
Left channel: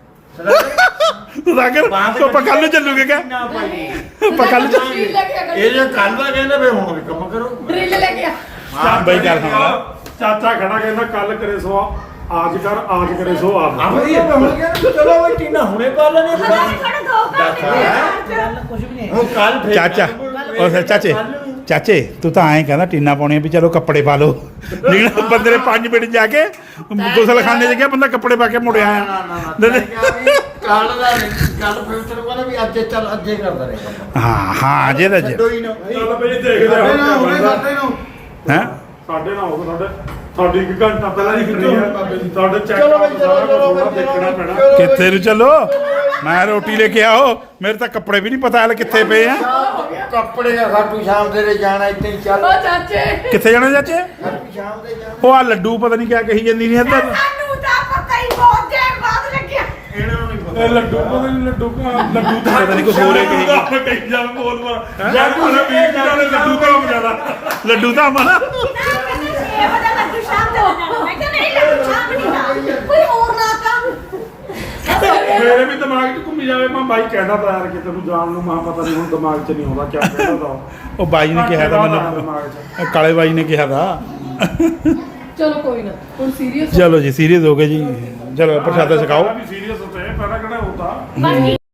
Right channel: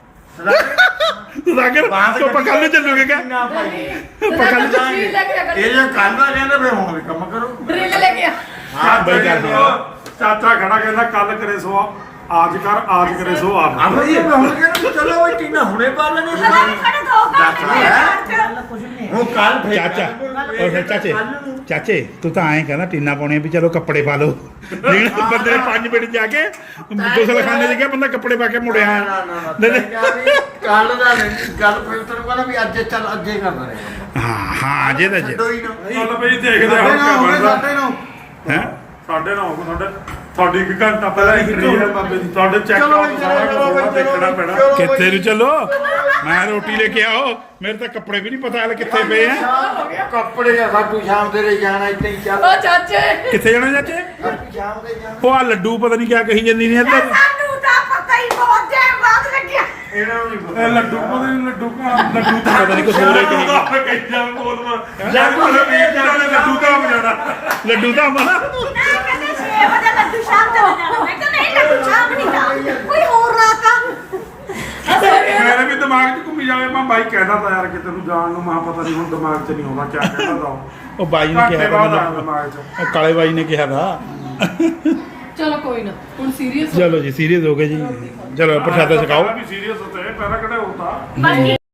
Speaker 1: ਤੂੰ ਸਾਗਰ ਤੂੰ ਆਪਾਂ ਕੱਲ ਨੂੰ ਚੱਲੂਗੇ ਕਿਆ
Speaker 3: ਟੀਨਾ ਪਾਈ
Speaker 1: ਆਪਾਂ ਕੱਲ ਨੂੰ
Speaker 2: ਡਰਿਲ ਲੈ ਕੇ ਆ
Speaker 3: ਇਹ ਜੇ ਕੱਲ ਦਾ ਕਹਿੰਦੇ ਫੇ ਹੁਣ ਵੀ ਕੰਮ ਕਰੋ
Speaker 2: ਡਰਿਲ ਲੈ ਕੇ ਆ
Speaker 1: ਬਈ ਗੱਲ ਸੁਣ ਲਾ
Speaker 4: ਚਾਚਾ ਖੜਾ ਕਹਿੰਦਾ ਕੱਲ ਕਰੇ ਸੋ ਆਜ ਕਰ ਆਜ ਕਰੇ ਸੋ ਆਪ
Speaker 3: ਆ ਬਈ ਮੈਂ ਹੁਣ ਕਹਿੰਦਾ ਚਲੋ ਬਈ ਟੀਨਾ ਹੁਣੇ ਪਾ ਲੈਣੇ
Speaker 6: ਖੜਾ ਖੜਾ ਦੋ
Speaker 3: ਦੱਸ
Speaker 6: ਘੰਟੇ
Speaker 3: ਹੈ
Speaker 7: ਗੱਲ ਕੁਝ ਵੀ ਨਹੀਂ ਹੈ।
Speaker 3: ਉਹ ਕੱਲ ਫੇਰ
Speaker 1: ਚਾਚਾ ਉਹ ਫਿਰ ਚਾਚੇ ਚਾਚੇ ਤੂੰ ਤਾਂ ਐਂ ਕਹਿੰਦਾ ਟੀਨਾ ਪਾਉਣੀਆਂ ਵੀ ਚਲੋ ਕੱਪੜੇ ਪਾ ਲਓ ਨਿਕਲ ਬੰਦੇ ਨੇ ਪੰਜ ਮਿੰਟ ਜਾ ਕੇ ਗੁਸਲਖਾਨੇ 'ਚ ਗਿਆ ਬੰਦਾ ਕੱਪੜੇ ਪਾ ਕੇ ਮੁੜਿਆ ਆਇਆ
Speaker 3: ਕੱਲ ਦਾ ਗੱਲ ਫਿਰ ਤੈਨੂੰ ਕਹਿੰਦਾ ਵੀ ਅੱਜ ਚੱਲ ਅੱਜੇ ਕਰਦਾ ਰਹੇ
Speaker 1: ਹਾਂ ਹਾਂ ਜੇ ਦਾ
Speaker 3: ਛੱਡੋ ਹੀ ਨਾ
Speaker 4: ਚੱਲ ਬਈ ਦੇਖਦੇ
Speaker 5: ਸਾਡੇ
Speaker 4: ਹਾਂ
Speaker 5: ਨਾਲ ਹੋਵੇ
Speaker 4: ਕਿਆ
Speaker 5: ਸਾਡੇ ਨਾਲ
Speaker 1: ਹੈ
Speaker 4: ਸਾਡੇ ਨਾਲ ਹੋਵੇ ਸਾਡੇ ਸਾਡੀ ਇੱਕ ਘੰਟਾ ਪਹਿਲਾਂ ਹੀ ਟ੍ਰੀ ਹੈ ਤੁਹਾਡੇ ਚੈੱਕ
Speaker 3: ਚਲੋ
Speaker 4: ਆਊਟ
Speaker 3: ਬਈ,
Speaker 4: ਸਾਰਾ
Speaker 3: ਚਲੋ,
Speaker 4: ਕੁਝ
Speaker 3: ਚਲੋ,
Speaker 4: ਦੇਖਣਾ ਪੈਣਾ
Speaker 3: ਚਲੋ।
Speaker 1: ਕਿੱਥੇ ਨੂੰ ਚੱਲੋ ਮੈਂ ਰੋਟੀ ਲੈ ਕੇ ਆਓ ਮੇਰੇ ਤਾਂ ਕੱਪੜੇ ਵੀ ਨਹੀਂ ਪਤਾ ਹਾਲ ਕਿੱਥੇ ਪਏ ਆ
Speaker 3: ਕੱਪੜੇ ਆ ਸਾਡੂ ਸ਼ਾਮ ਦੇ ਲਈ ਜਾਣਾ ਇੱਥੇ ਹੀ ਚੱਲ
Speaker 2: ਚਾਚੇ
Speaker 1: ਕਿੱਥੇ ਜਾਣਾ ਚਾਚੇ
Speaker 3: ਸਾਡੂ ਸ਼ਾਮ ਦੇ ਜਾਣਾ
Speaker 1: ਉਹ ਆ ਲੱਡੂ ਪਤਾ ਨਹੀਂ ਕਿਆ ਕਹੀ ਜਾਂਦੀ ਨਹੀਂ ਇੱਧਰ
Speaker 6: ਸਾਨੂੰ ਤਾਂ ਪਤਾ ਹੀ ਬਹੁਤ ਜੇ ਬਾਅਦ ਲੱਗਿਆ
Speaker 3: ਇਹਨਾਂ ਨੂੰ ਨਹੀਂ
Speaker 4: ਇਹ ਲੱਡੂ ਕੋਦੇ ਨਹੀਂ ਲੱਡੂ ਕਾ ਲੱਡੂ ਤਾਂ
Speaker 1: ਪਤਾ ਨਹੀਂ ਕੁਛ ਹੋਰ ਹੀ ਕਹੀ
Speaker 4: ਆਪੇ ਕਹੀ ਜਾ ਬੋਲ ਮਾਰ ਲੱਡੂ ਲੱਡੂ ਕਾ ਮਜਾਣਾ
Speaker 1: ਲੱਡੂ ਤਾਂ ਮਨਾ
Speaker 6: ਨਾ ਕਹਿੰਦੇ ਛੇ ਵਜੇ ਲੱਡੂ ਸ਼ਾਮ ਦੇ ਜਾਣਾ ਮੈਂ ਕਿਹਾ ਨਹੀਂ ਲੱਡੂ ਸ਼ਾਮ ਨਹੀਂ ਦਾ ਕੋਈ ਹੋਰ ਨਾ ਕੰਮ
Speaker 4: ਮੇਰੇ ਵੀ ਦਿਮਾਗ 'ਚ ਘੁੰਮੀ ਜਾਵੇ ਮੈਂ ਬਾਈ ਕਹਿੰਦਾ ਤਾਂ ਯਾਰ ਕਿ ਤੈਨੂੰ ਜਾਣ ਨੂੰ ਮੈਂ ਪਤਾ ਨਹੀਂ ਹੁਣ ਦਿਮਾਗ 'ਚ ਨਹੀਂ ਆਉਂਦਾ ਕਿਆ ਕਹਿੰਦਾ ਤਾਂ ਉਹ।
Speaker 1: ਉਹ ਬਾਈ ਨੇ ਕਿਹਾ ਤਾਂ
Speaker 4: ਬਾਅਦ ਆਇਆ
Speaker 1: ਮੈਨੂੰ
Speaker 4: ਦਿਮਾਗ 'ਚ
Speaker 1: ਉਹ ਕਾਲੇ ਬਾਈ ਨੇ ਕਿਹਾ ਤਾਂ
Speaker 2: ਚਲੋ ਕੋਈ ਨਾ ਹੁਣ ਸੀਰੀਅਸ
Speaker 1: ਚਲੋ ਜੀ ਸੀਰੀਅਸ ਹੋ ਗਏ ਜੀ ਚਲੋ ਪ੍ਰਸ਼ਾਦਾ ਛਕਾਓ
Speaker 4: ਵੀ ਸੀਰੀਅਸ ਹੁੰਦੇ ਪਹਿਲਾਂ ਕਿਹੜਾ ਹੁੰਦਾ
Speaker 6: ਬਾਕੀ